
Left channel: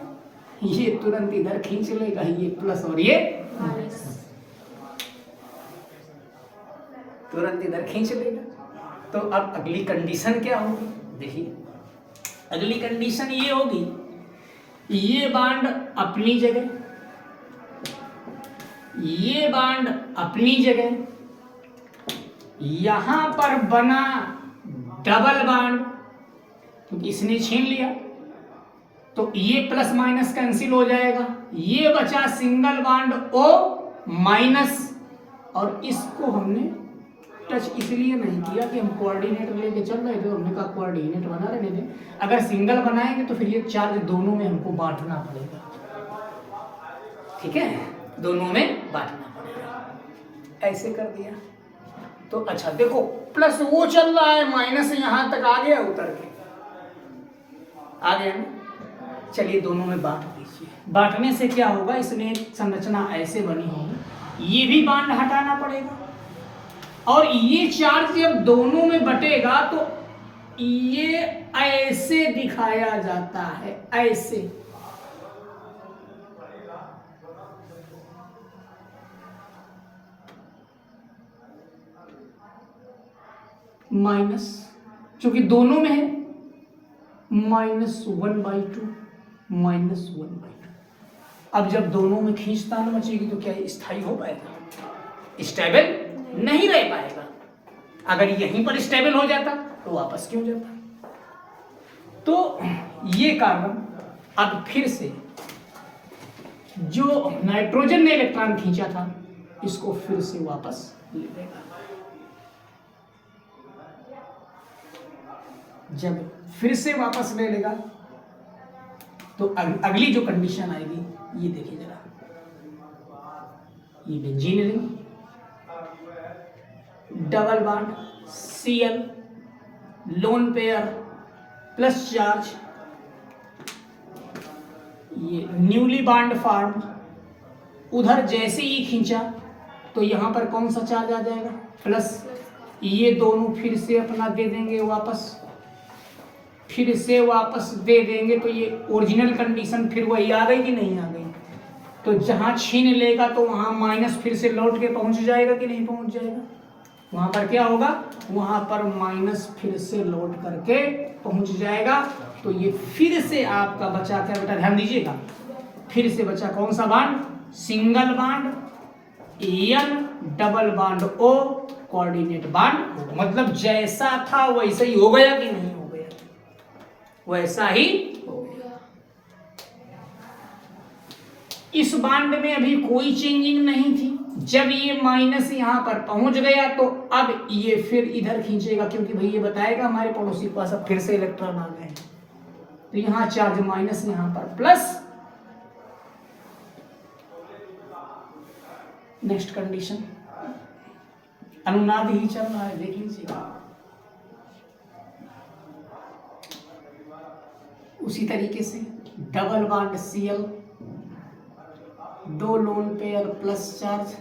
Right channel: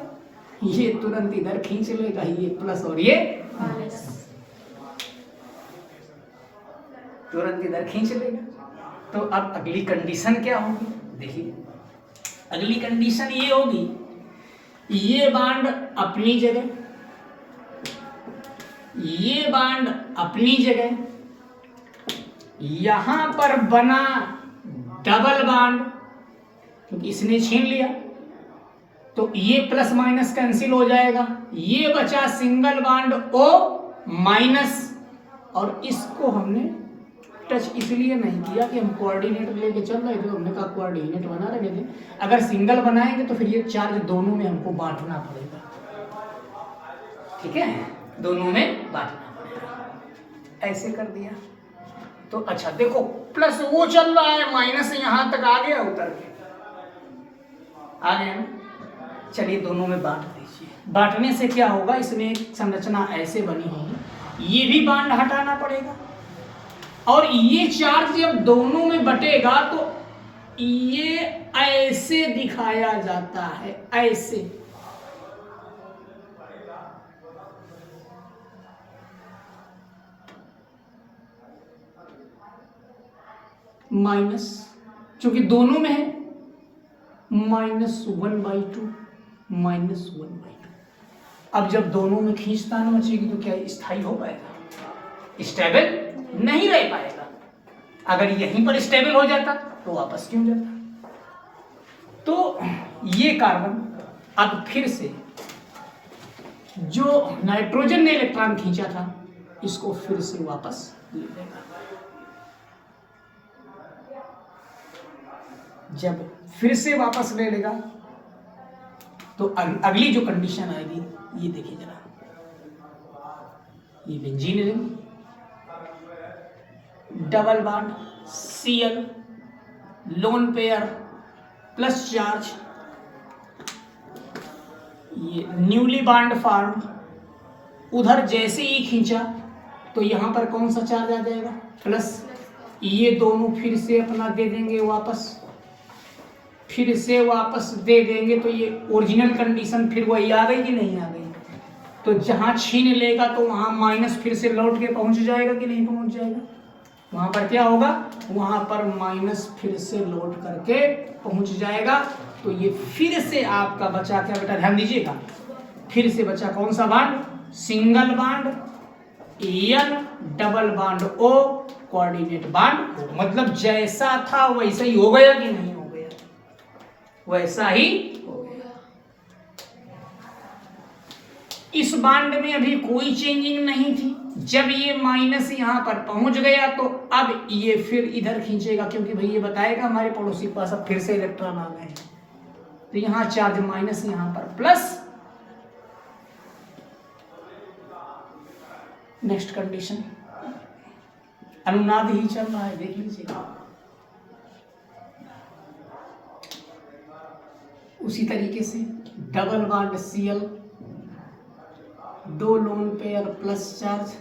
ये तुरंत इधर खींच लेगा, ये प्लस और ये तुरंत इधर खींच लेगा। तो अब अगली कंडीशन क्या होगी, देखिए अगली कंडीशन ये होगी, ये बॉन्ड अपनी जगह, ये बॉन्ड अपनी जगह, यहां पर बना डबल बॉन्ड क्योंकि इसने छीन लिया, तो ये प्लस माइनस कैंसिल हो जाएगा, ये बचा सिंगल बॉन्ड O-, और इसको हमने टच इसलिए नहीं किया कि हम कोऑर्डिनेट लेके चल रहे थे, हमने कहा कोऑर्डिनेट बना रहे थे, अगर सिंगल बनाएंगे तो फिर ये चार्ज दोनों में हमको बांटना पड़ेगा, ठीक है, दोनों में बांटना पड़ेगा, ऐसे कर दिया। तो अच्छा देखो प्लस वो चल रहा है, माइनस यहां तक आ गया, उतर के आ गया ना, चलिए दोनों में बांट दीजिए। बांटने से क्या होगा, इसमें एक संरचना ऐसे बनी होगी, ये भी बॉन्ड हटाना पड़ेगा, और ये चार्ज जब दोनों में बटेगा तो ये ऐसे दिखाया जाता है, ऐसे, माइनस, क्योंकि दोनों में है, -1/2, -1/2। अब जब दोनों में खींचतान मचेगी तो क्या स्थायी हो पाएगा, स्टेबल नहीं रह पाएगा। अगर यहीं पर स्टेबल हो जाता तो वापस क्यों जाता। तो ये कार्बन अब फिर से जो नाइट्रोजन ने इलेक्ट्रॉन खींचा था इसको फिर से वापस ले लेगा। जब फिर से वापस ले लेगा तो अगली जो कंडीशन आएगी ये देखिए जरा, ये benzene ring, double bond Cl, lone pair plus charge, ये न्यूली बॉन्ड फॉर्म, उधर जैसे ही खींचा तो यहां पर कौन सा चार्ज आ जाएगा, प्लस, ये दोनों फिर से अपना दे देंगे वापस, फिर से वापस दे देंगे, तो ये ओरिजिनल कंडीशन फिर वही आ गई कि नहीं आ गई। तो जहां छीन लेगा तो वहां माइनस फिर से लौट के पहुंच जाएगा कि नहीं पहुंच जाएगा, वहां पर क्या होगा, वहां पर माइनस फिर से लौट करके पहुंच जाएगा। तो ये फिर से आपका बचा क्या बेटा, ध्यान दीजिएगा, फिर से बचा कौन सा bond, single bond N, double bond O, coordinate bond O। मतलब जैसा था वैसा ही हो गया कि नहीं हो गया, वैसा ही हो गया। इस बॉन्ड में अभी कोई चेंजिंग नहीं थी, जब ये माइनस यहां पर पहुंच गया तो अब ये फिर इधर खींचेगा, क्योंकि भाई ये बताएगा हमारे पड़ोसी के पास अब फिर से इलेक्ट्रॉन आ गए, तो यहां चार्ज माइनस, यहां पर प्लस। नेक्स्ट कंडीशन, अनुनाद ही चल रहा है, देख लीजिएगा। उसी तरीके से double bond Cl, 2 lone pair plus charge,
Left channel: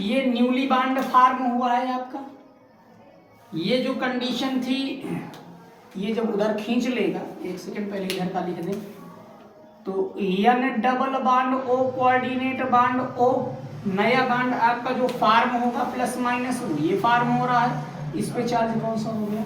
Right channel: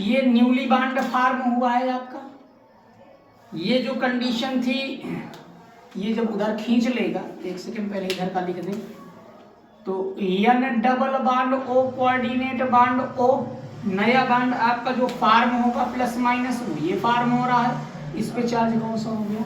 ये न्यूली बॉन्ड फॉर्म हुआ है आपका। ये जो कंडीशन थी, ये जब उधर खींच लेगा, एक सेकंड पहले इधर का लिख दें, तो N double bond O, coordinate bond O, नया बॉन्ड आपका जो फॉर्म होगा प्लस माइनस, ये फॉर्म हो रहा है, इस पे चार्ज कौन सा हो गया,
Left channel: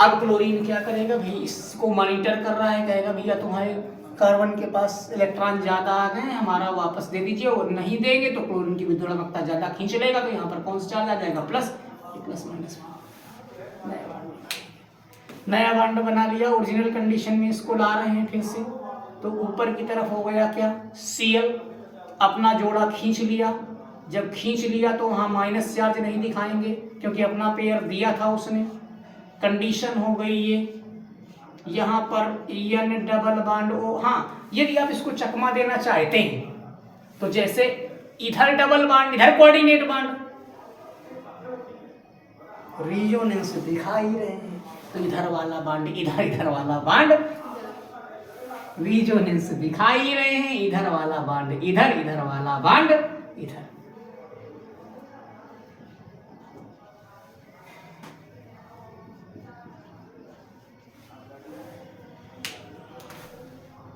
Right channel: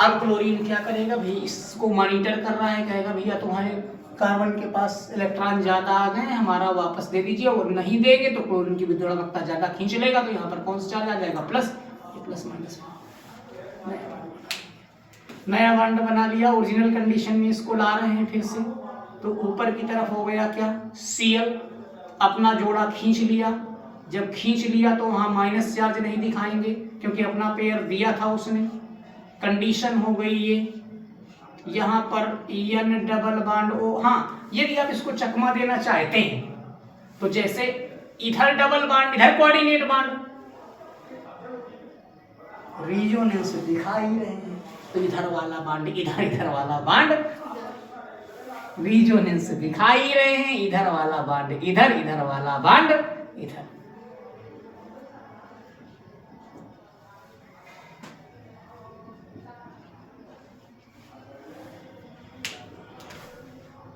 अब क्लोरीन क्या करेगा भाई, इसको मॉनिटर कर रहा है, कहेगा भैया तुम्हारे कार्बन के पास इलेक्ट्रॉन ज्यादा आ गए, हमारा वापस दे दीजिए, और नहीं देंगे तो क्लोरीन की विद्युत ज्यादा खींच लेगा, तो यहाँ पर कौन सा चार्ज आ जाएगा, प्लस, प्लस माइनस, नया बॉन्ड बना लिया, ओरिजिनल कंडीशन में इसको ला रहे हैं फिर से, तो ऊपर की तरफ हो गया क्या, Cl, अपना जोड़ा खींच लिया, जब खींच लिया तो वहां माइनस चार्ज नहीं दिखाएंगे क्योंकि अपना पेयर दिया था उसने, कंडीशन हो गई ये, यहाँ पर N डबल बॉन्ड O। हाँ, यदि आप इसको चकमा देना चाहते हैं तो जैसे इधर डबल बॉन्ड, इधर कोऑर्डिनेट बॉन्ड, रिजोनेंस दिखा ही रहे हैं। तो इधर वाला बॉन्ड इधर, इधर वाला बॉन्ड, रिजोनेंस दिखा ही रहे हैं। इधर वाला बॉन्ड इधर, इधर वाला बॉन्ड इधर।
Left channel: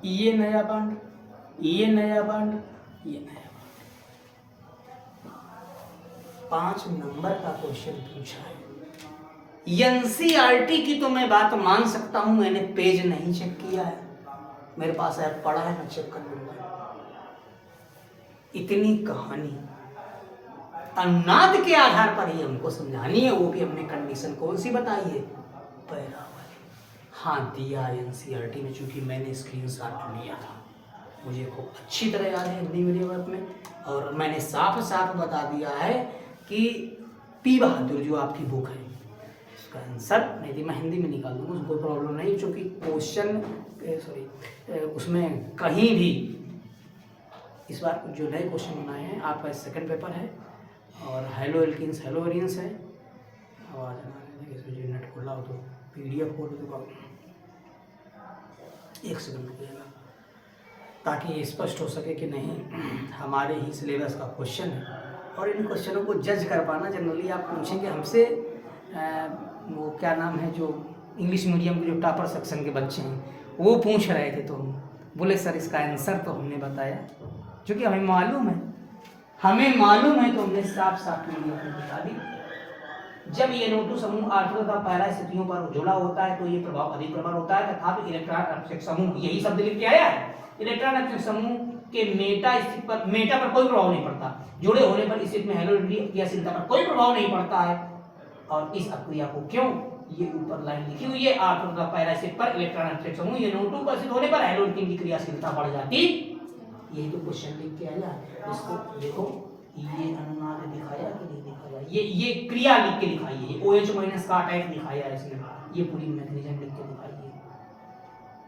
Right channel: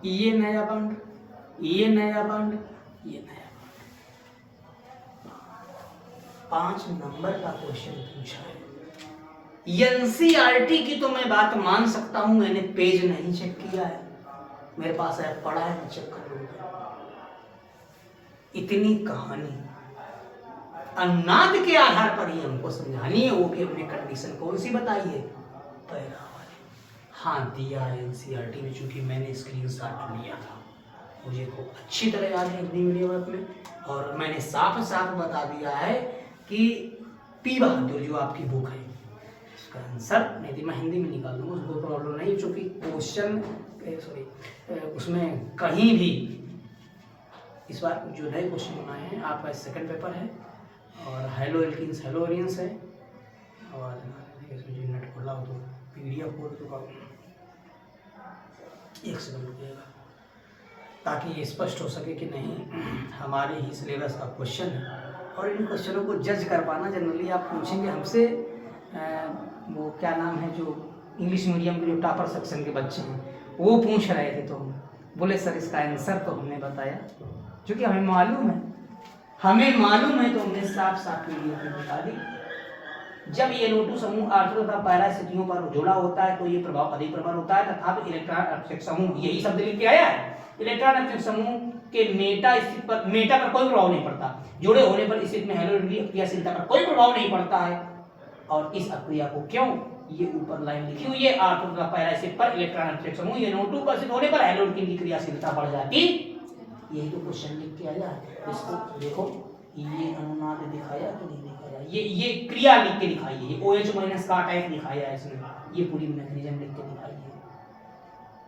ये नया बॉन्ड, ये नया बॉन्ड, ये नया बॉन्ड। 5 नंबर का क्वेश्चन पूछा है। एनसीईआरटी की तो मैं बात मान सकता हूं, मैंने पेज नहीं चेक किया है, मेरे पास ऐप पड़ा है, मैं चेक कर लूंगा। इतनी कहानी अनुनाद के आधार पर ही हमको समझानी है, वो भी हमने कंडीशन कौन सी बताई है, पैरा वाली। हाँ दिया एनसीईआरटी में, चूंकि मैंने स्क्रीनशॉट लिया था, मुझे खूब अच्छी तरह याद है हिंदी मीडियम में, और मैंने साफ साफ बता दिया है कि पी बहादुर जो आपकी बुक है इसका आंसर, नहीं थी मैं हिंदी में निकाल दूँगा, उसको प्रॉब्लम नहीं, चूँकि क्वेश्चन उसमें कहीं भी इस बार जो नए क्वेश्चन बनाए हैं, आपका सेकंड पेपर है और हेलो एल्किन्स हेलो एरियंस है, और इसमें नेट खोला हो तो PDF खोल चुका हूँ, 1 सेकंड रुकिएगा ताकि ये स्पष्ट हो सके कि नहीं हमारे ही सिलेबस का क्वेश्चन है। और इन क्वेश्चनों को जज कर पाना, जनरली आप पूछेंगे हमसे, वो क्या नाम है जो इंग्लिश मीडियम के जो टॉपर सेक्शन के बच्चे हैं वो पूछ रहे थे, तो हम बोले सर इसका आंसर तो हमने बताया, क्योंकि हमें मालूम है तो हमने साफ साफ वीडियो में बता दी। जब ये NO2 समूह आर्थर तथा पैरा स्थितियों पर जुड़ा होता है तो ये प्रभाव अधिक प्रबल होता है, तथा इलेक्ट्रॉन अपक्षय समूह, यही शब्द लिख के आया है, इलेक्ट्रॉन अपक्षय समूह के मेटा पर कोई प्रभाव नहीं पड़ता, जुड़े होने पर स्थिति में हैलोजन क्रियाशीलता पर कोई प्रभाव नहीं पड़ता है। और इस अक्रिया को क्यों, ये ऊपर लाइन लिखी हुई है, आर्थर तथा पैरा स्थिति पर इलेक्ट्रॉन अपक्षय समूह ये NO2 पर स्थित होने पर हैलोजन की क्रियाशीलता बढ़ जाती, यही तो क्वेश्चन लिख के आया। इसको देखो, ये अनुनाद दिखाया कि नहीं दिखाया, ये क्रिया लिख के दिखाई है, ये OH- का अटैक दिखाया है इसने, ये पूरी मैकेनिज्म लिख के दिखाई है।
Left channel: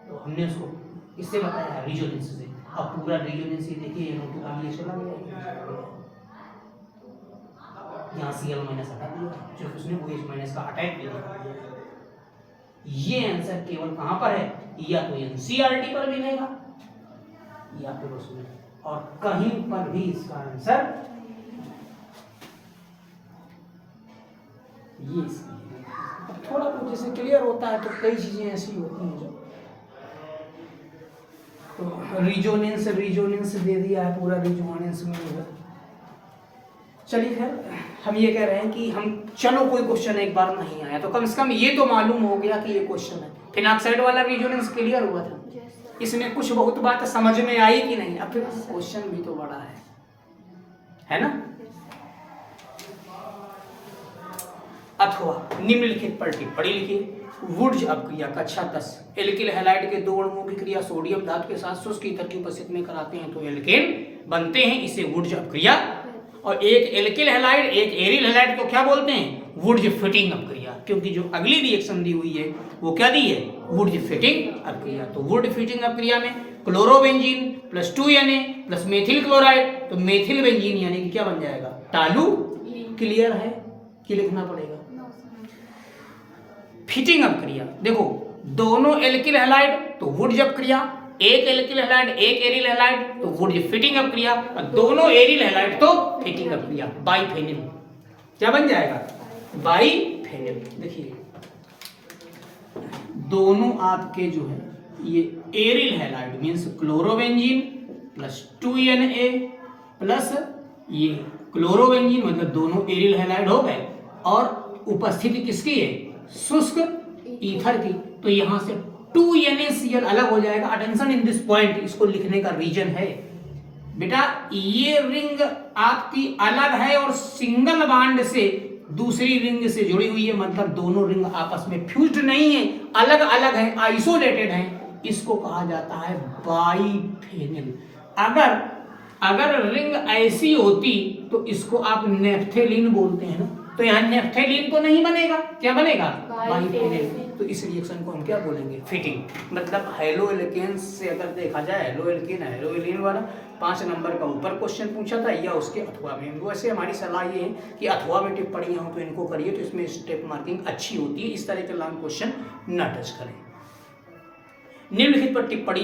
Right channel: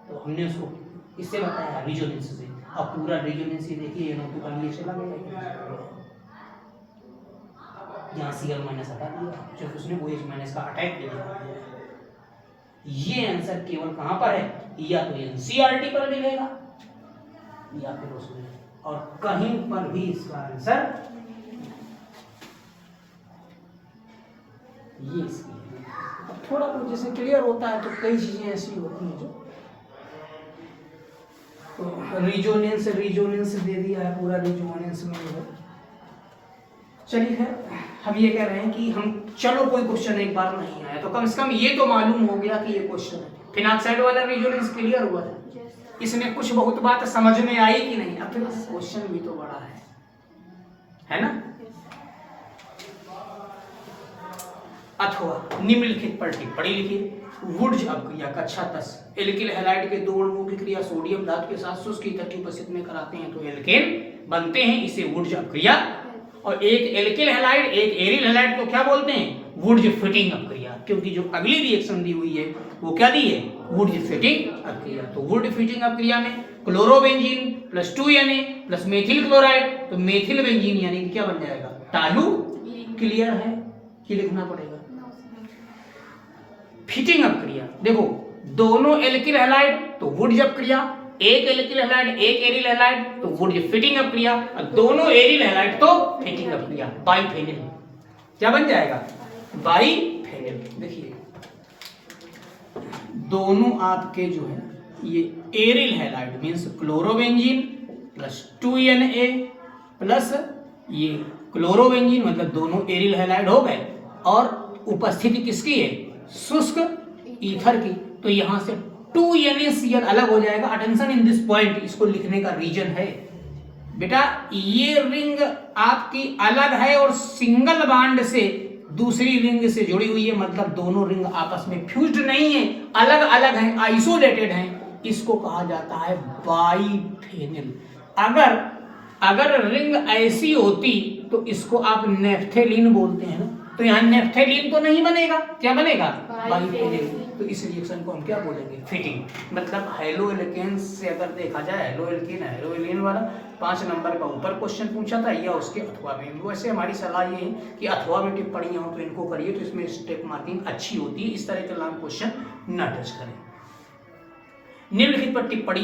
तो हमने उसको इससे बताया है रिजोनेंस से। अब पूरा रिजोनेंस ये देखिए, NO2 का लिए चला गया, यहाँ Cl- हटा दिया, जो उसने OH- का अटैक भी दिखा दिया। ये आंसर केवल कहाँ पर है, या तो एनसीईआरटी पर मिलेगा या फिर उसमें, और कहीं पर भी इसका आंसर ये इसकी। थोड़ा बहुत जैसे क्लियर होता है तो कई चीजें ऐसी होती हैं जो, तो रिजोनेंस दे दिया है, पूरा रिजोनेंस में है। चलिए खैर, हम ये कह रहे हैं कि हम चलो कोई क्वेश्चन एक बार नहीं आया तो कम से कम ये तो मालूम हो गया कि ये क्वेश्चन है। फिनाक्साइड वाला रिजोनेंस क्लियर हुआ था, इसमें कुछ बहुत बात समझ में आई कि नहीं, अब फिर क्वेश्चन भी तो बड़ा है ना। अथवा निम्नलिखित पर टिप्पणी लिखिए। वुड्ज अपक्रिया कक्षा 10, एल्किल हैलाइड के 2 अणुओं की क्रिया सोडियम धातु के साथ शुष्क ईथर की उपस्थिति में कराते हैं तो एल्केन बनते हैं, इसे वुड्ज अपक्रिया। और एक एल्किल हैलाइड एक एरिल हैलाइड को क्या बोलते हैं, वुड्ज फिटिंग अपक्रिया, क्योंकि जो अगली रिएक्शन दी हुई है वो क्या दी है, वुड्ज फिटिंग अपक्रिया। तो वुड फिटिंग अपक्रिया में chlorobenzene plus 2Na plus methyl chloride, तो मेथिल बेंजीन यानी कि क्या बन जाएगा, टालू। क्लियर है कि लिखना पड़ेगा। फिटिंग अपक्रिया देखो, दोनों एल्किल हैलाइड तो वुड्ज अपक्रिया, एक एल्किल हैलाइड एक एरिल हैलाइड तो वुड्ज फिटिंग अपक्रिया, और दोनों एरिल हैलाइड तो फिटिंग अपक्रिया, बाइफेनिल क्या बन जाएगा, बाइफेनिल। देखिए दोनों आपके जो है ये aryl halide means chlorobenzene plus 2Na plus ये क्लोरोबेंजीन, मतलब दोनों एरिल हैलाइड हो गए, और उपस्थिति किसकी है, शुष्क ईथर की, तो यहां से 2NaCl अलग हो जाएगा। अटेंशन इन दिस पॉइंट, इसको लिखने का रीजन है बेटा, ये रिंग आपकी अलग है और सिंगल बॉन्ड से दूसरी रिंग से जुड़ी हुई है, मतलब दोनों रिंग आपस में फ्यूज्ड नहीं है, अलग अलग हैं, आइसोलेटेड हैं, इसको कहा जाता है बाइफेनिल। अगर अगर रिंग ऐसी होती तो इसको आप नेफ्थेलिन बोलते हैं ना, तो यहाँ नेफ्थेलिन तो नहीं बनेगा, क्या बनेगा, बाइफेनिल। तो इस रिएक्शन को हम क्या बोलेंगे, फिटिंग। मतलब हेलो एल्केन्स से अगर देखा जाए, हेलो एल्केन हेलो एलिन वाला 5 नंबर का ऊपर क्वेश्चन पूछा था या उसके अथवा में, वैसे हमारी सलाह ये है कि अथवा में टिप्पणियां हो तो इनको करिए, तो इसमें स्टेप मार्किंग अच्छी होती है, इस तरह के लॉन्ग क्वेश्चन न टच करें। निम्नलिखित पर टिप्पणी,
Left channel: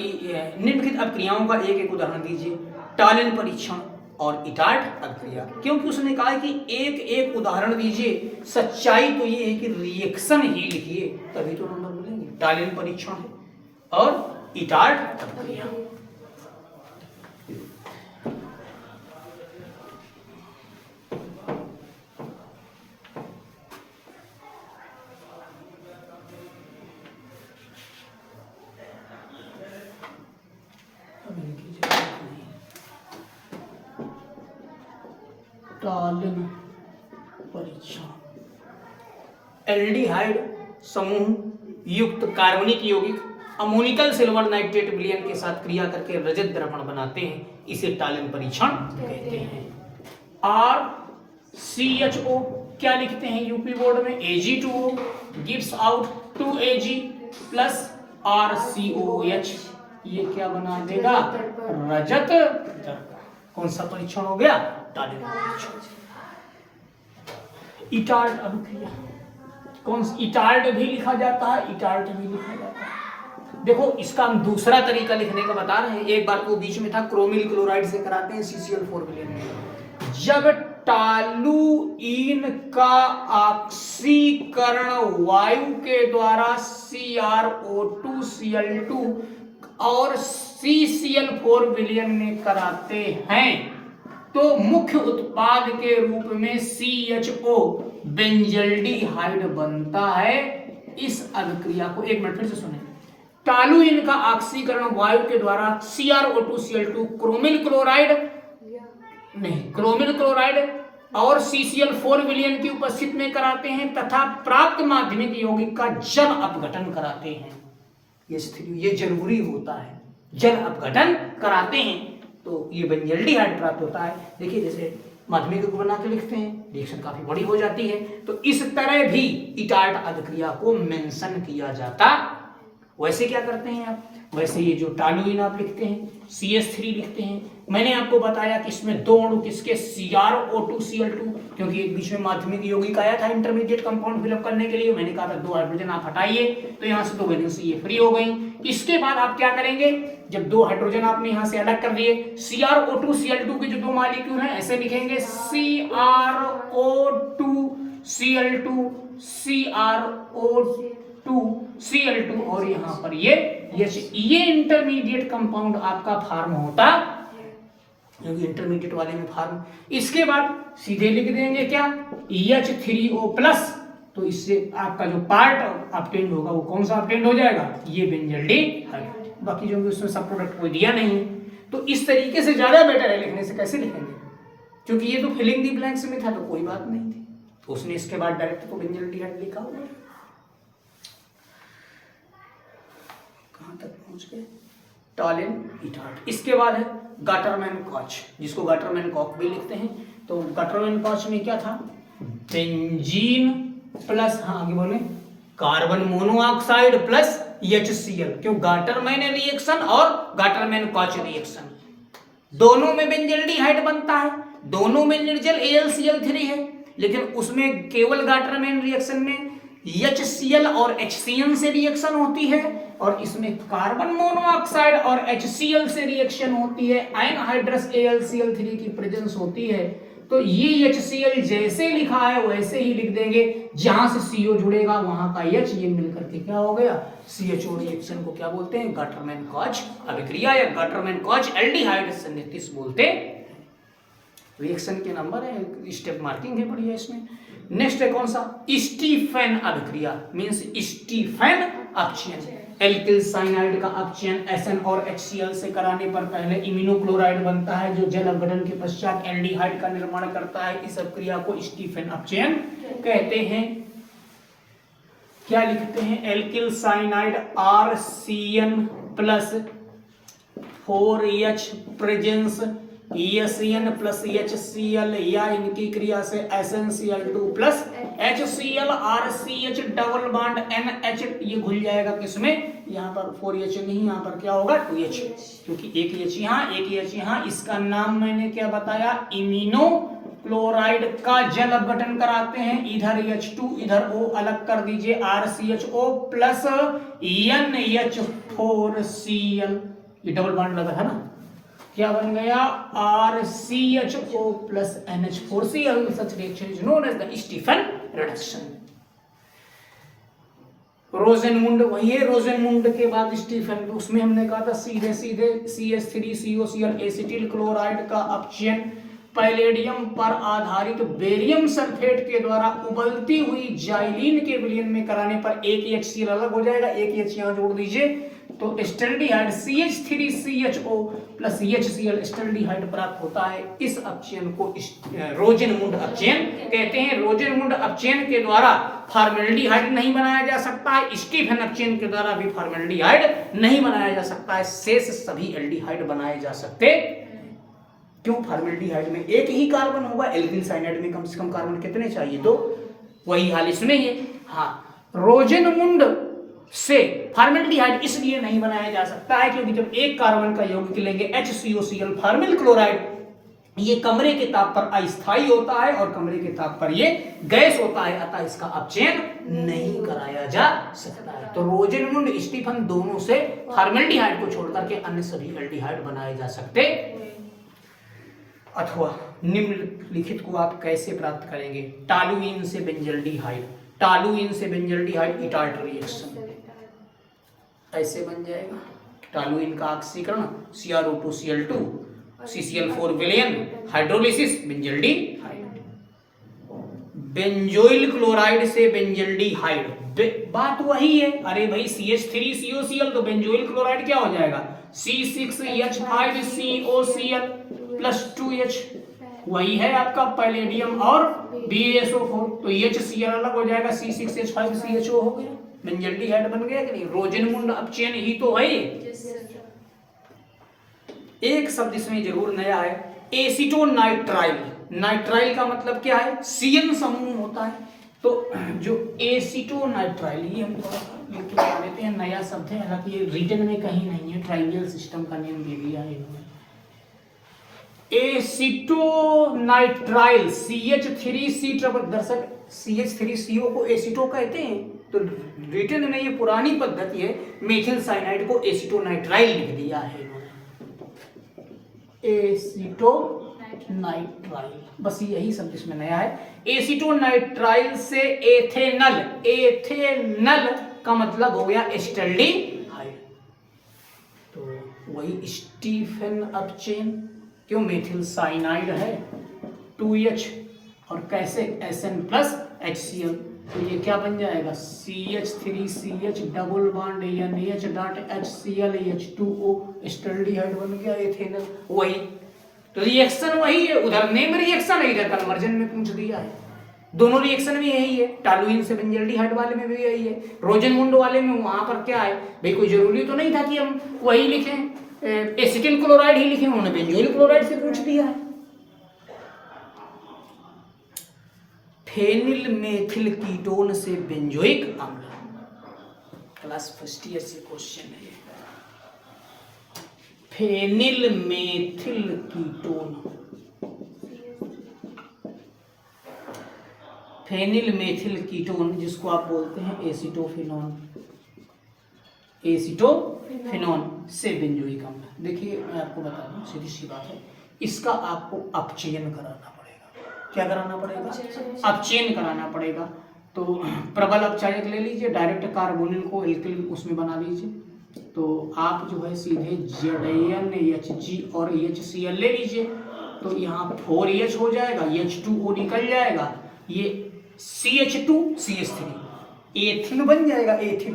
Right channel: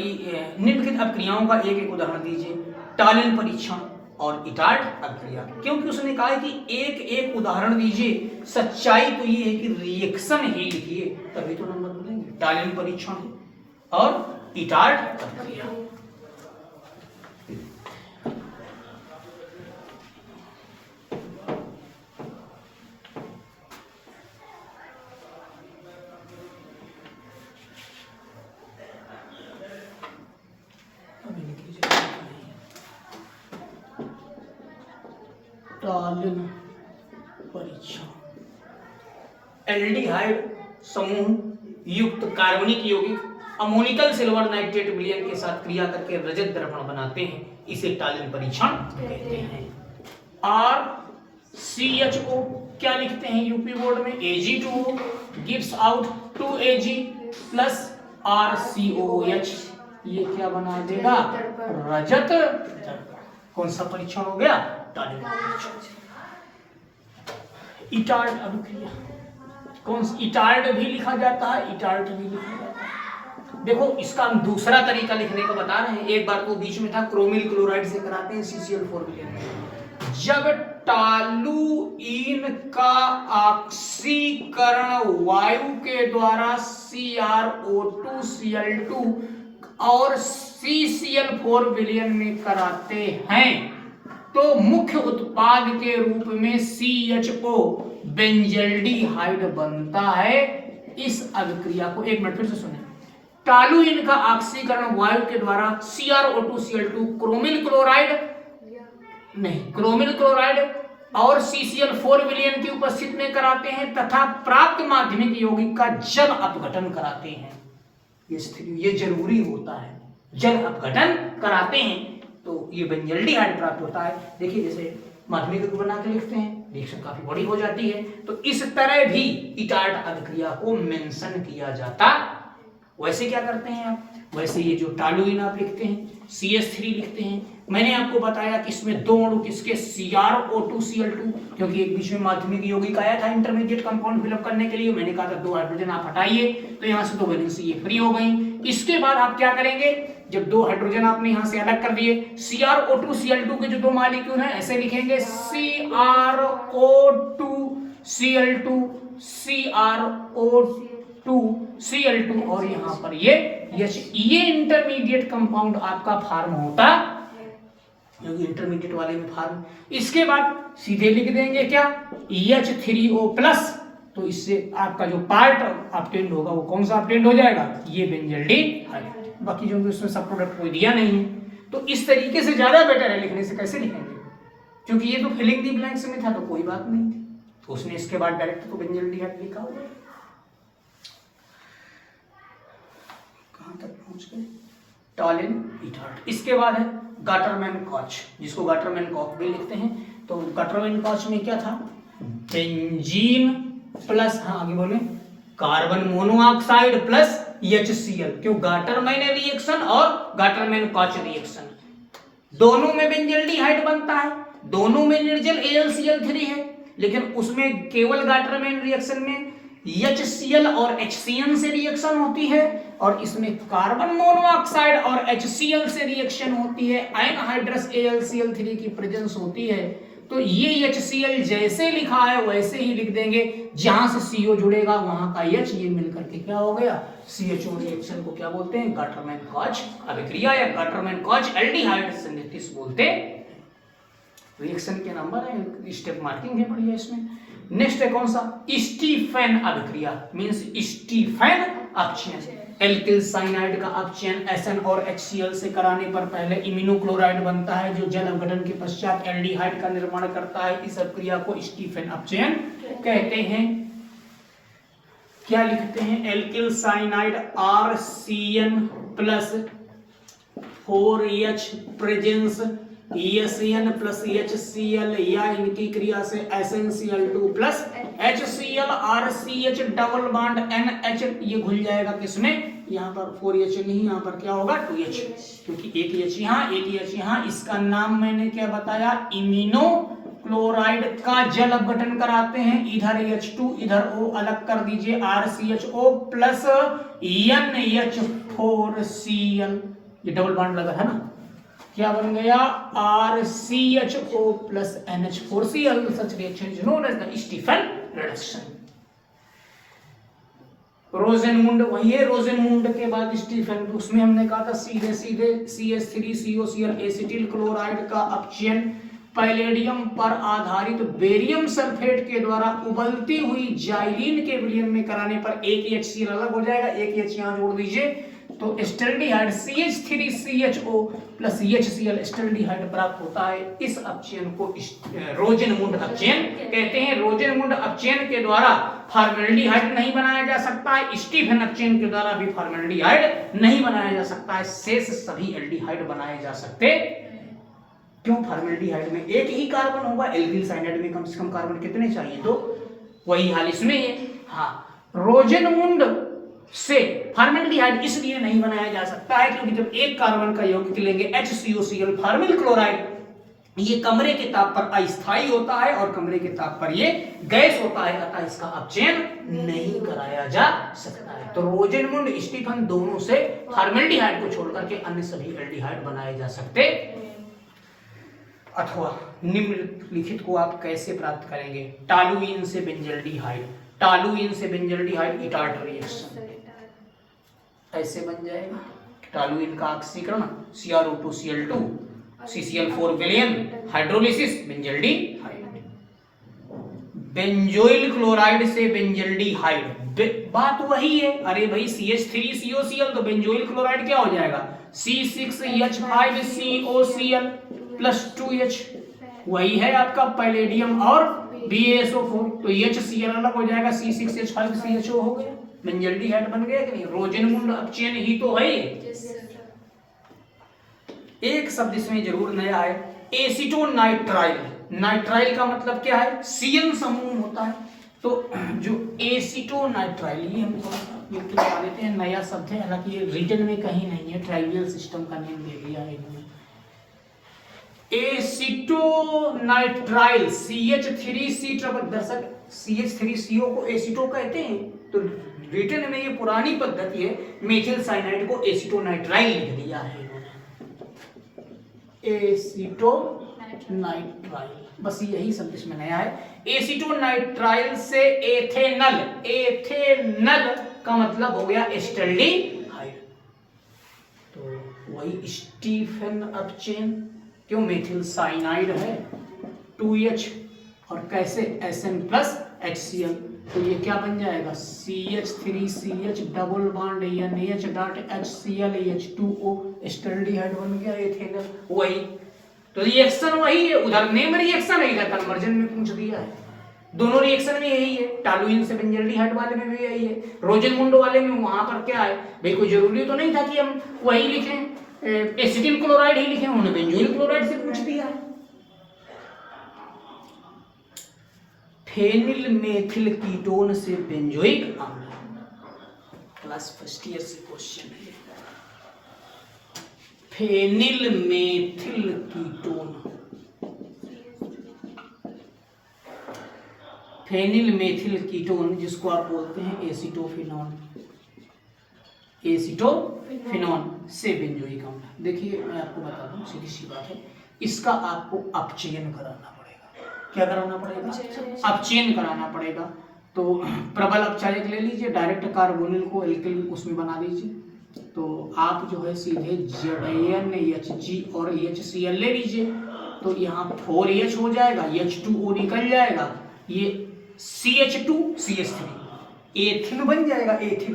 निम्नलिखित अभिक्रियाओं का एक एक उदाहरण दीजिए। टालिन परीक्षण और इटार्ट अभिक्रिया, क्योंकि उसने कहा है कि एक एक उदाहरण दीजिए, सच्चाई तो ये है कि रिएक्शन ही लिखिए तभी तो नंबर मिलेंगे। टालिन परीक्षण और इटार्ट अभिक्रिया। टालिन परीक्षण, एल्डिहाइड समूह युक्त कार्बनिक यौगिक अमोनिकल सिल्वर नाइट्रेट विलयन के साथ क्रिया करके रजत दर्पण बनाते हैं, इसे टालिन परीक्षण कहते हैं। RCHO क्या लिखते हैं यूपी बोर्ड में, Ag2O gives out 2Ag plus RCOH, ये क्या बना देगा, रजत दर्पण। कौन सा परीक्षण हो गया, टालिन परीक्षण। इटार्ट अभिक्रिया, कौन सी, इटार्ट भी लिखा जाता है, इटार्ट भी लिखा जाता है। देखो इसका हम दूसरा तरीका लिखने का बता रहे हैं, एक बार तो बीच में था क्रोमिल क्लोराइड से कराते हैं CCl4 विलयन में। जब टालुइन का ऑक्सीकरण वायु के द्वारा CrO2Cl2 और CCl4 विलयन में कराते हैं तो मुख्य उत्पाद के रूप में CHO बेंजल्डिहाइड बनता है। इस अभिक्रिया को एक मिनट फिर से सुनें। टालुइन का ऑक्सीकरण वायु के द्वारा CrO2Cl2 क्रोमिल क्लोराइड नहीं, क्रोमिल क्लोराइड और CCl4 विलयन की उपस्थिति में कराते हैं तथा प्राप्त माध्यमिक यौगिक का जल अपघटन कराते हैं। ये जरूरी होता है, जल अपघटन कराते हैं तो ये बेंजल्डिहाइड प्राप्त होता है। देखिए जैसे माध्यमिक को बना के लिखते हैं, रिएक्शन काफी बड़ी हो जाती है, तो इस तरह भी इटार्ट अभिक्रिया को मेंशन किया जाता। वैसे क्या करते हैं आप, वैसे ये जो टालुइन आप लिखते हैं CH3 लिखते हैं, मैंने आपको बताया कि इसमें 2 अणु किसके, CrO2Cl2, क्योंकि एक बीच में माध्यमिक यौगिक आया था इंटरमीडिएट कंपाउंड फिलअप करने के लिए, मैंने कहा था 2 हाइड्रोजन आप हटाइए तो यहाँ से 2 वैलेंसी ये फ्री हो गई। इसके बाद आप क्या करेंगे, जब 2 हाइड्रोजन आपने यहाँ से अलग कर दिए, CrO2Cl2 के जो 2 मॉलिक्यूल हैं ऐसे लिखेंगे CrO2Cl2 CrO2Cl2 और यहाँ पर ये इंटरमीडिएट कंपाउंड आपका फार्म होता, क्योंकि इंटरमीडिएट वाले में फार्म। इसके बाद सीधे लिख देंगे क्या, H3O+, तो इससे आपका जो पार्ट ऑब्टेन्ड होगा वो कौन सा ऑब्टेन्ड हो जाएगा, ये बेंजल्डिहाइड। बाकी जो उसमें सब प्रोडक्ट कोई दिया नहीं है, तो इस तरीके से ज्यादा बेटर है लिखने से। कैसे लिखेंगे, क्योंकि ये तो फिलिंग दी ब्लैंक्स में था तो कोई बात नहीं थी, तो उसने इसके बाद डायरेक्ट तो बेंजल्डिहाइड लिखा हुआ। कहां तक पहुंच गए, टालिन इटार्ट। इसके बाद है गाटरमैन कॉच, जिसको गाटरमैन कॉक भी लिखते हैं। तो गाटरमैन कॉच में क्या था, बेंजीन प्लस, हाँ आगे बोले, कार्बन मोनोऑक्साइड प्लस HCl, क्यों, गाटरमैन रिएक्शन और गाटरमैन कॉच रिएक्शन, दोनों में बेंजल्डिहाइड बनता है, दोनों में निर्जल AlCl3 है, लेकिन उसमें केवल गाटरमैन रिएक्शन में HCl और HCN से रिएक्शन होती है, और इसमें कार्बन मोनोऑक्साइड और HCl से रिएक्शन होती है, एनहाइड्रस AlCl3 की प्रेजेंस होती है। तो ये HCl जैसे लिखा है वैसे ही लिख देंगे, जहां से CO जुड़ेगा वहां का H, ये मिलकर के क्या हो गया, CHO रिएक्शन को क्या बोलते हैं, गाटरमैन कॉच अभिक्रिया या गाटरमैन कॉच एल्डिहाइड संयुतिस बोलते हैं। रिएक्शन के नंबर है, स्टेप मार्किंग है बढ़िया इसमें। नेक्स्ट है कौन सा, स्टीफेन अभिक्रिया, मींस स्टीफेन अपचयन। एल्किल साइनाइड का अपचयन SN और HCl से कराने पर पहले इम्यूनोक्लोराइड बनता है, जो जल अपघटन के पश्चात एल्डिहाइड का निर्माण करता है। इस अभिक्रिया को स्टीफेन अपचयन कहते हैं। क्या लिखते हैं, alkyl cyanide RCN plus 4H presence ESCN plus HCl या इनकी क्रिया से SnCl2 plus HCl RCH double bond NH, ये घुल जाएगा किसमें, यहाँ पर 4H नहीं, यहाँ पर क्या होगा 2H, क्योंकि एक H यहाँ एक H यहाँ। इसका नाम मैंने क्या बताया, इमिनो क्लोराइड का जल अपघटन कराते हैं। इधर H2 इधर O अलग कर दीजिए, RCHO प्लस NH4Cl, ये डबल बॉन्ड लगा है ना, क्या बन गया RCHO plus NH4Cl। Such reaction is known as the Stephen reduction. Rosenmund, वही है रोजेनमुंड के बाद स्टीफन, उसमें हमने कहा था सीधे सीधे CH3COCl एसिटिल क्लोराइड का अपचयन पैलेडियम पर आधारित बेरियम सल्फेट के द्वारा उबलती हुई जाइलिन के विलयन में कराने पर एक HCl अलग हो जाएगा, एक H यहाँ जोड़ दीजिए, तो acetaldehyde CH3CHO plus HCl acetaldehyde प्राप्त होता है। इस अपचयन को रोजेनमुंड अपचयन कहते हैं। रोजेनमुंड अपचयन के द्वारा फॉर्मेल्डिहाइड नहीं बनाया जा सकता है, स्टीफन अपचयन के द्वारा भी फॉर्मेल्डिहाइड नहीं बनाया जा सकता है, शेष सभी एल्डिहाइड बनाए जा सकते। क्यों, फॉर्मेल्डिहाइड में एक ही कार्बन होगा, एल्किल साइनाइड में कम से कम कार्बन कितने चाहिए, तो वही हाल इसमें है। हाँ, रोजेनमुंड से फॉर्मेल्डिहाइड इसलिए नहीं बनाया जा सकता है क्योंकि जब एक कार्बन का यौगिक लेंगे HCOCl फॉर्मिल क्लोराइड, ये कमरे के ताप पर अस्थायी होता है और कमरे के ताप पर ये गैस होता है, अतः इसका अपचयन नहीं कराया जा सकता है। तो रोजेनमुंड स्टीफन दोनों से फॉर्मेल्डिहाइड को छोड़कर के अन्य सभी एल्डिहाइड बनाए जा सकते। अथवा निम्नलिखित को आप कैसे प्राप्त करेंगे, टॉलुइन से बेंजल्डिहाइड, टॉलुइन से बेंजल्डिहाइड इटार्ट रिएक्शन ऐसे बन जाएगा। टॉलुइन का ऑक्सीकरण CrO2Cl2 CCl4 विलयन हाइड्रोलिसिस बेंजल्डिहाइड। बेंजोइल क्लोराइड से बेंजल्डिहाइड, बात वही है, अरे भाई CH3COCl तो बेंजोइल क्लोराइड क्या हो जाएगा C6H5COCl प्लस 2H, वही है आपका पैलेडियम और BaSO4, तो HCl अलग हो जाएगा, C6H5CHO हो गया, बेंजल्डिहाइड बन गया कि नहीं। रोजेनमुंड अपचयन ही तो है। एक शब्द इसमें जरूर नया है, एसीटोनाइट्राइल। नाइट्राइल का मतलब क्या है, CN समूह होता है, तो जो एसीटोनाइट्राइल, ये हम थोड़ा सा लिख के बता देते हैं, नया शब्द है, हालांकि ये रिटन में कहीं नहीं है, ट्राइवियल सिस्टम का नियम दे दिया है इन्होंने। एसीटोनाइट्राइल CH3C ट्रिपल, दर्शक CH3CO को एसीटो कहते हैं, तो रिटन में ये पुरानी पद्धति है, मेथिल साइनाइड को एसीटोनाइट्राइल लिख दिया है एसीटोनाइट्राइल, बस यही शब्द इसमें नया है। एसीटोनाइट्राइल से एथेनल, एथेनल का मतलब हो गया एस्टल्डिहाइड, तो वही स्टीफन अपचयन, क्यों मेथिल साइनाइड है 2H और कैसे Sn प्लस HCl, तो ये क्या बन जाएगा CH3CH double bond NH dot HCl H2O acetaldehyde बन गया एथेनल। वही तो रिएक्शन वही है, उधर नेम रिएक्शन है, इधर कन्वर्जन में पूछ दिया है, दोनों रिएक्शन में यही है। टॉलुइन से बेंजल्डिहाइड वाले में भी यही है, रोजेनमुंड वाले में वहां पर क्या है भाई, कोई जरूरी तो नहीं था कि हम वही लिखें, एसिटिल क्लोराइड ही लिखे, उन्होंने बेंजोइल क्लोराइड से पूछ दिया है। फेनिल मेथिल कीटोन से बेंजोइक अम्ल, क्लास फर्स्ट ईयर से क्वेश्चन है। Phenyl methyl ketone, phenyl methyl ketone जिसको आप बोलते हैं एसिटोफिनोन, एसिटोफिनोन से बेंजोइक अम्ल। देखिए मैं आपको बता दूं, सीधी सी बात है, इसका आपको अपचयन कराना पड़ेगा। क्या कराना पड़ेगा, अपचयन कराना पड़ेगा। तो प्रबल अपचायक ले लीजिए, डायरेक्ट कार्बोनिल को एल्किल उसमें बना दीजिए, तो आप जो है सीधे ZnHG और HCl ले लीजिए, तो यहाँ 4H हो जाएगा, H2O निकल जाएगा, ये CH2CH3 एथिन बन जाएगा, एथिन,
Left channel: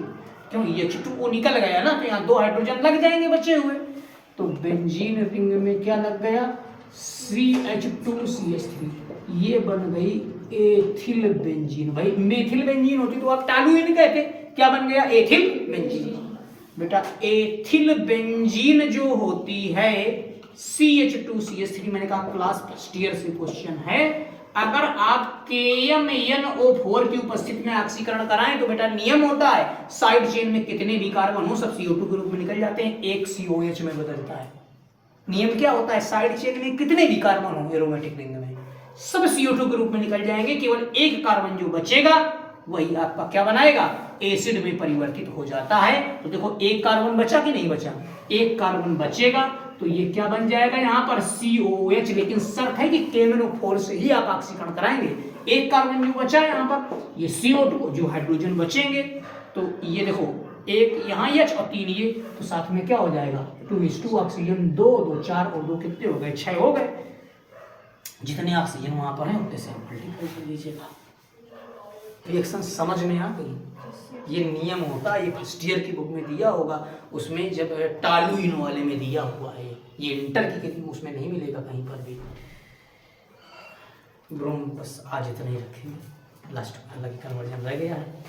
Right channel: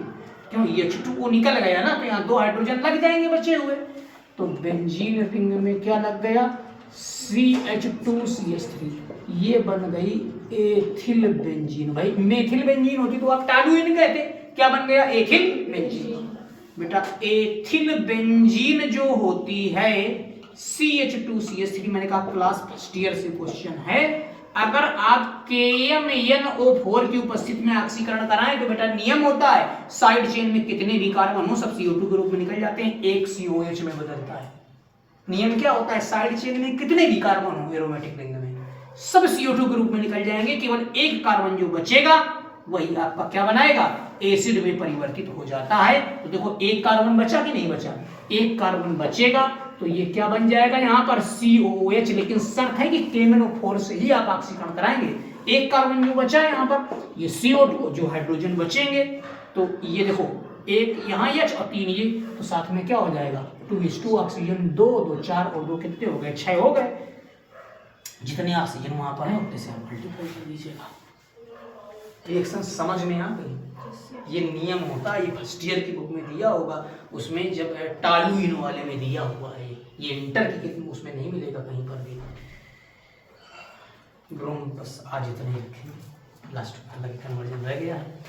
क्यों H2O निकल गया ना, तो यहाँ 2 हाइड्रोजन लग जाएंगे बचे हुए, तो बेंजीन रिंग में क्या लग गया CH2CH3, ये बन गई एथिल बेंजीन। भाई मेथिल बेंजीन होती तो आप टॉलुइन कहते, क्या बन गया एथिल बेंजीन। बेटा एथिल बेंजीन जो होती है CH2CH3, मैंने कहा क्लास फर्स्ट ईयर से क्वेश्चन है। अगर आप KMnO4 की उपस्थिति में ऑक्सीकरण कराएं तो बेटा नियम होता है साइड चेन में कितने भी कार्बन हो सब CO2 के रूप में निकल जाते हैं, एक COH में बदलता है। नियम क्या होता है, साइड चेन में कितने भी कार्बन हो एरोमेटिक रिंग में सब CO2 के रूप में निकल जाएंगे, केवल एक कार्बन जो बचेगा वही आपका क्या बनाएगा, एसिड में परिवर्तित हो जाता है। तो देखो एक कार्बन बचा कि नहीं बचा, एक कार्बन बचेगा तो ये क्या बन जाएगा यहाँ पर COH, लेकिन शर्त है कि KMnO4 से ही आप ऑक्सीकरण कराएंगे। एक कार्बन जो बचा है यहाँ पर ये CO2, जो हाइड्रोजन बचेंगे तो ये देखो एक यहाँ H और 3 ये, तो साथ में क्या हो जाएगा 2:2 ऑक्सीजन, 2 2 4 और 2 कितने हो गए, 6 हो गए। जितने ऑक्सीजन वहां पर है उतने से आप मल्टीप्लाई कर दीजिएगा। रिएक्शन समझ में आ गई, ये नियम होता है, ये फर्स्ट ईयर की बुक में दिया होगा, उसमें जब टालुइन वाले में दिया हुआ है, ये इंटर की उसमें नहीं मिलेगा कहीं पर भी। ब्रोम बस आज इतना ही रखेंगे, लास्ट में अलग कन्वर्जन रह गया है।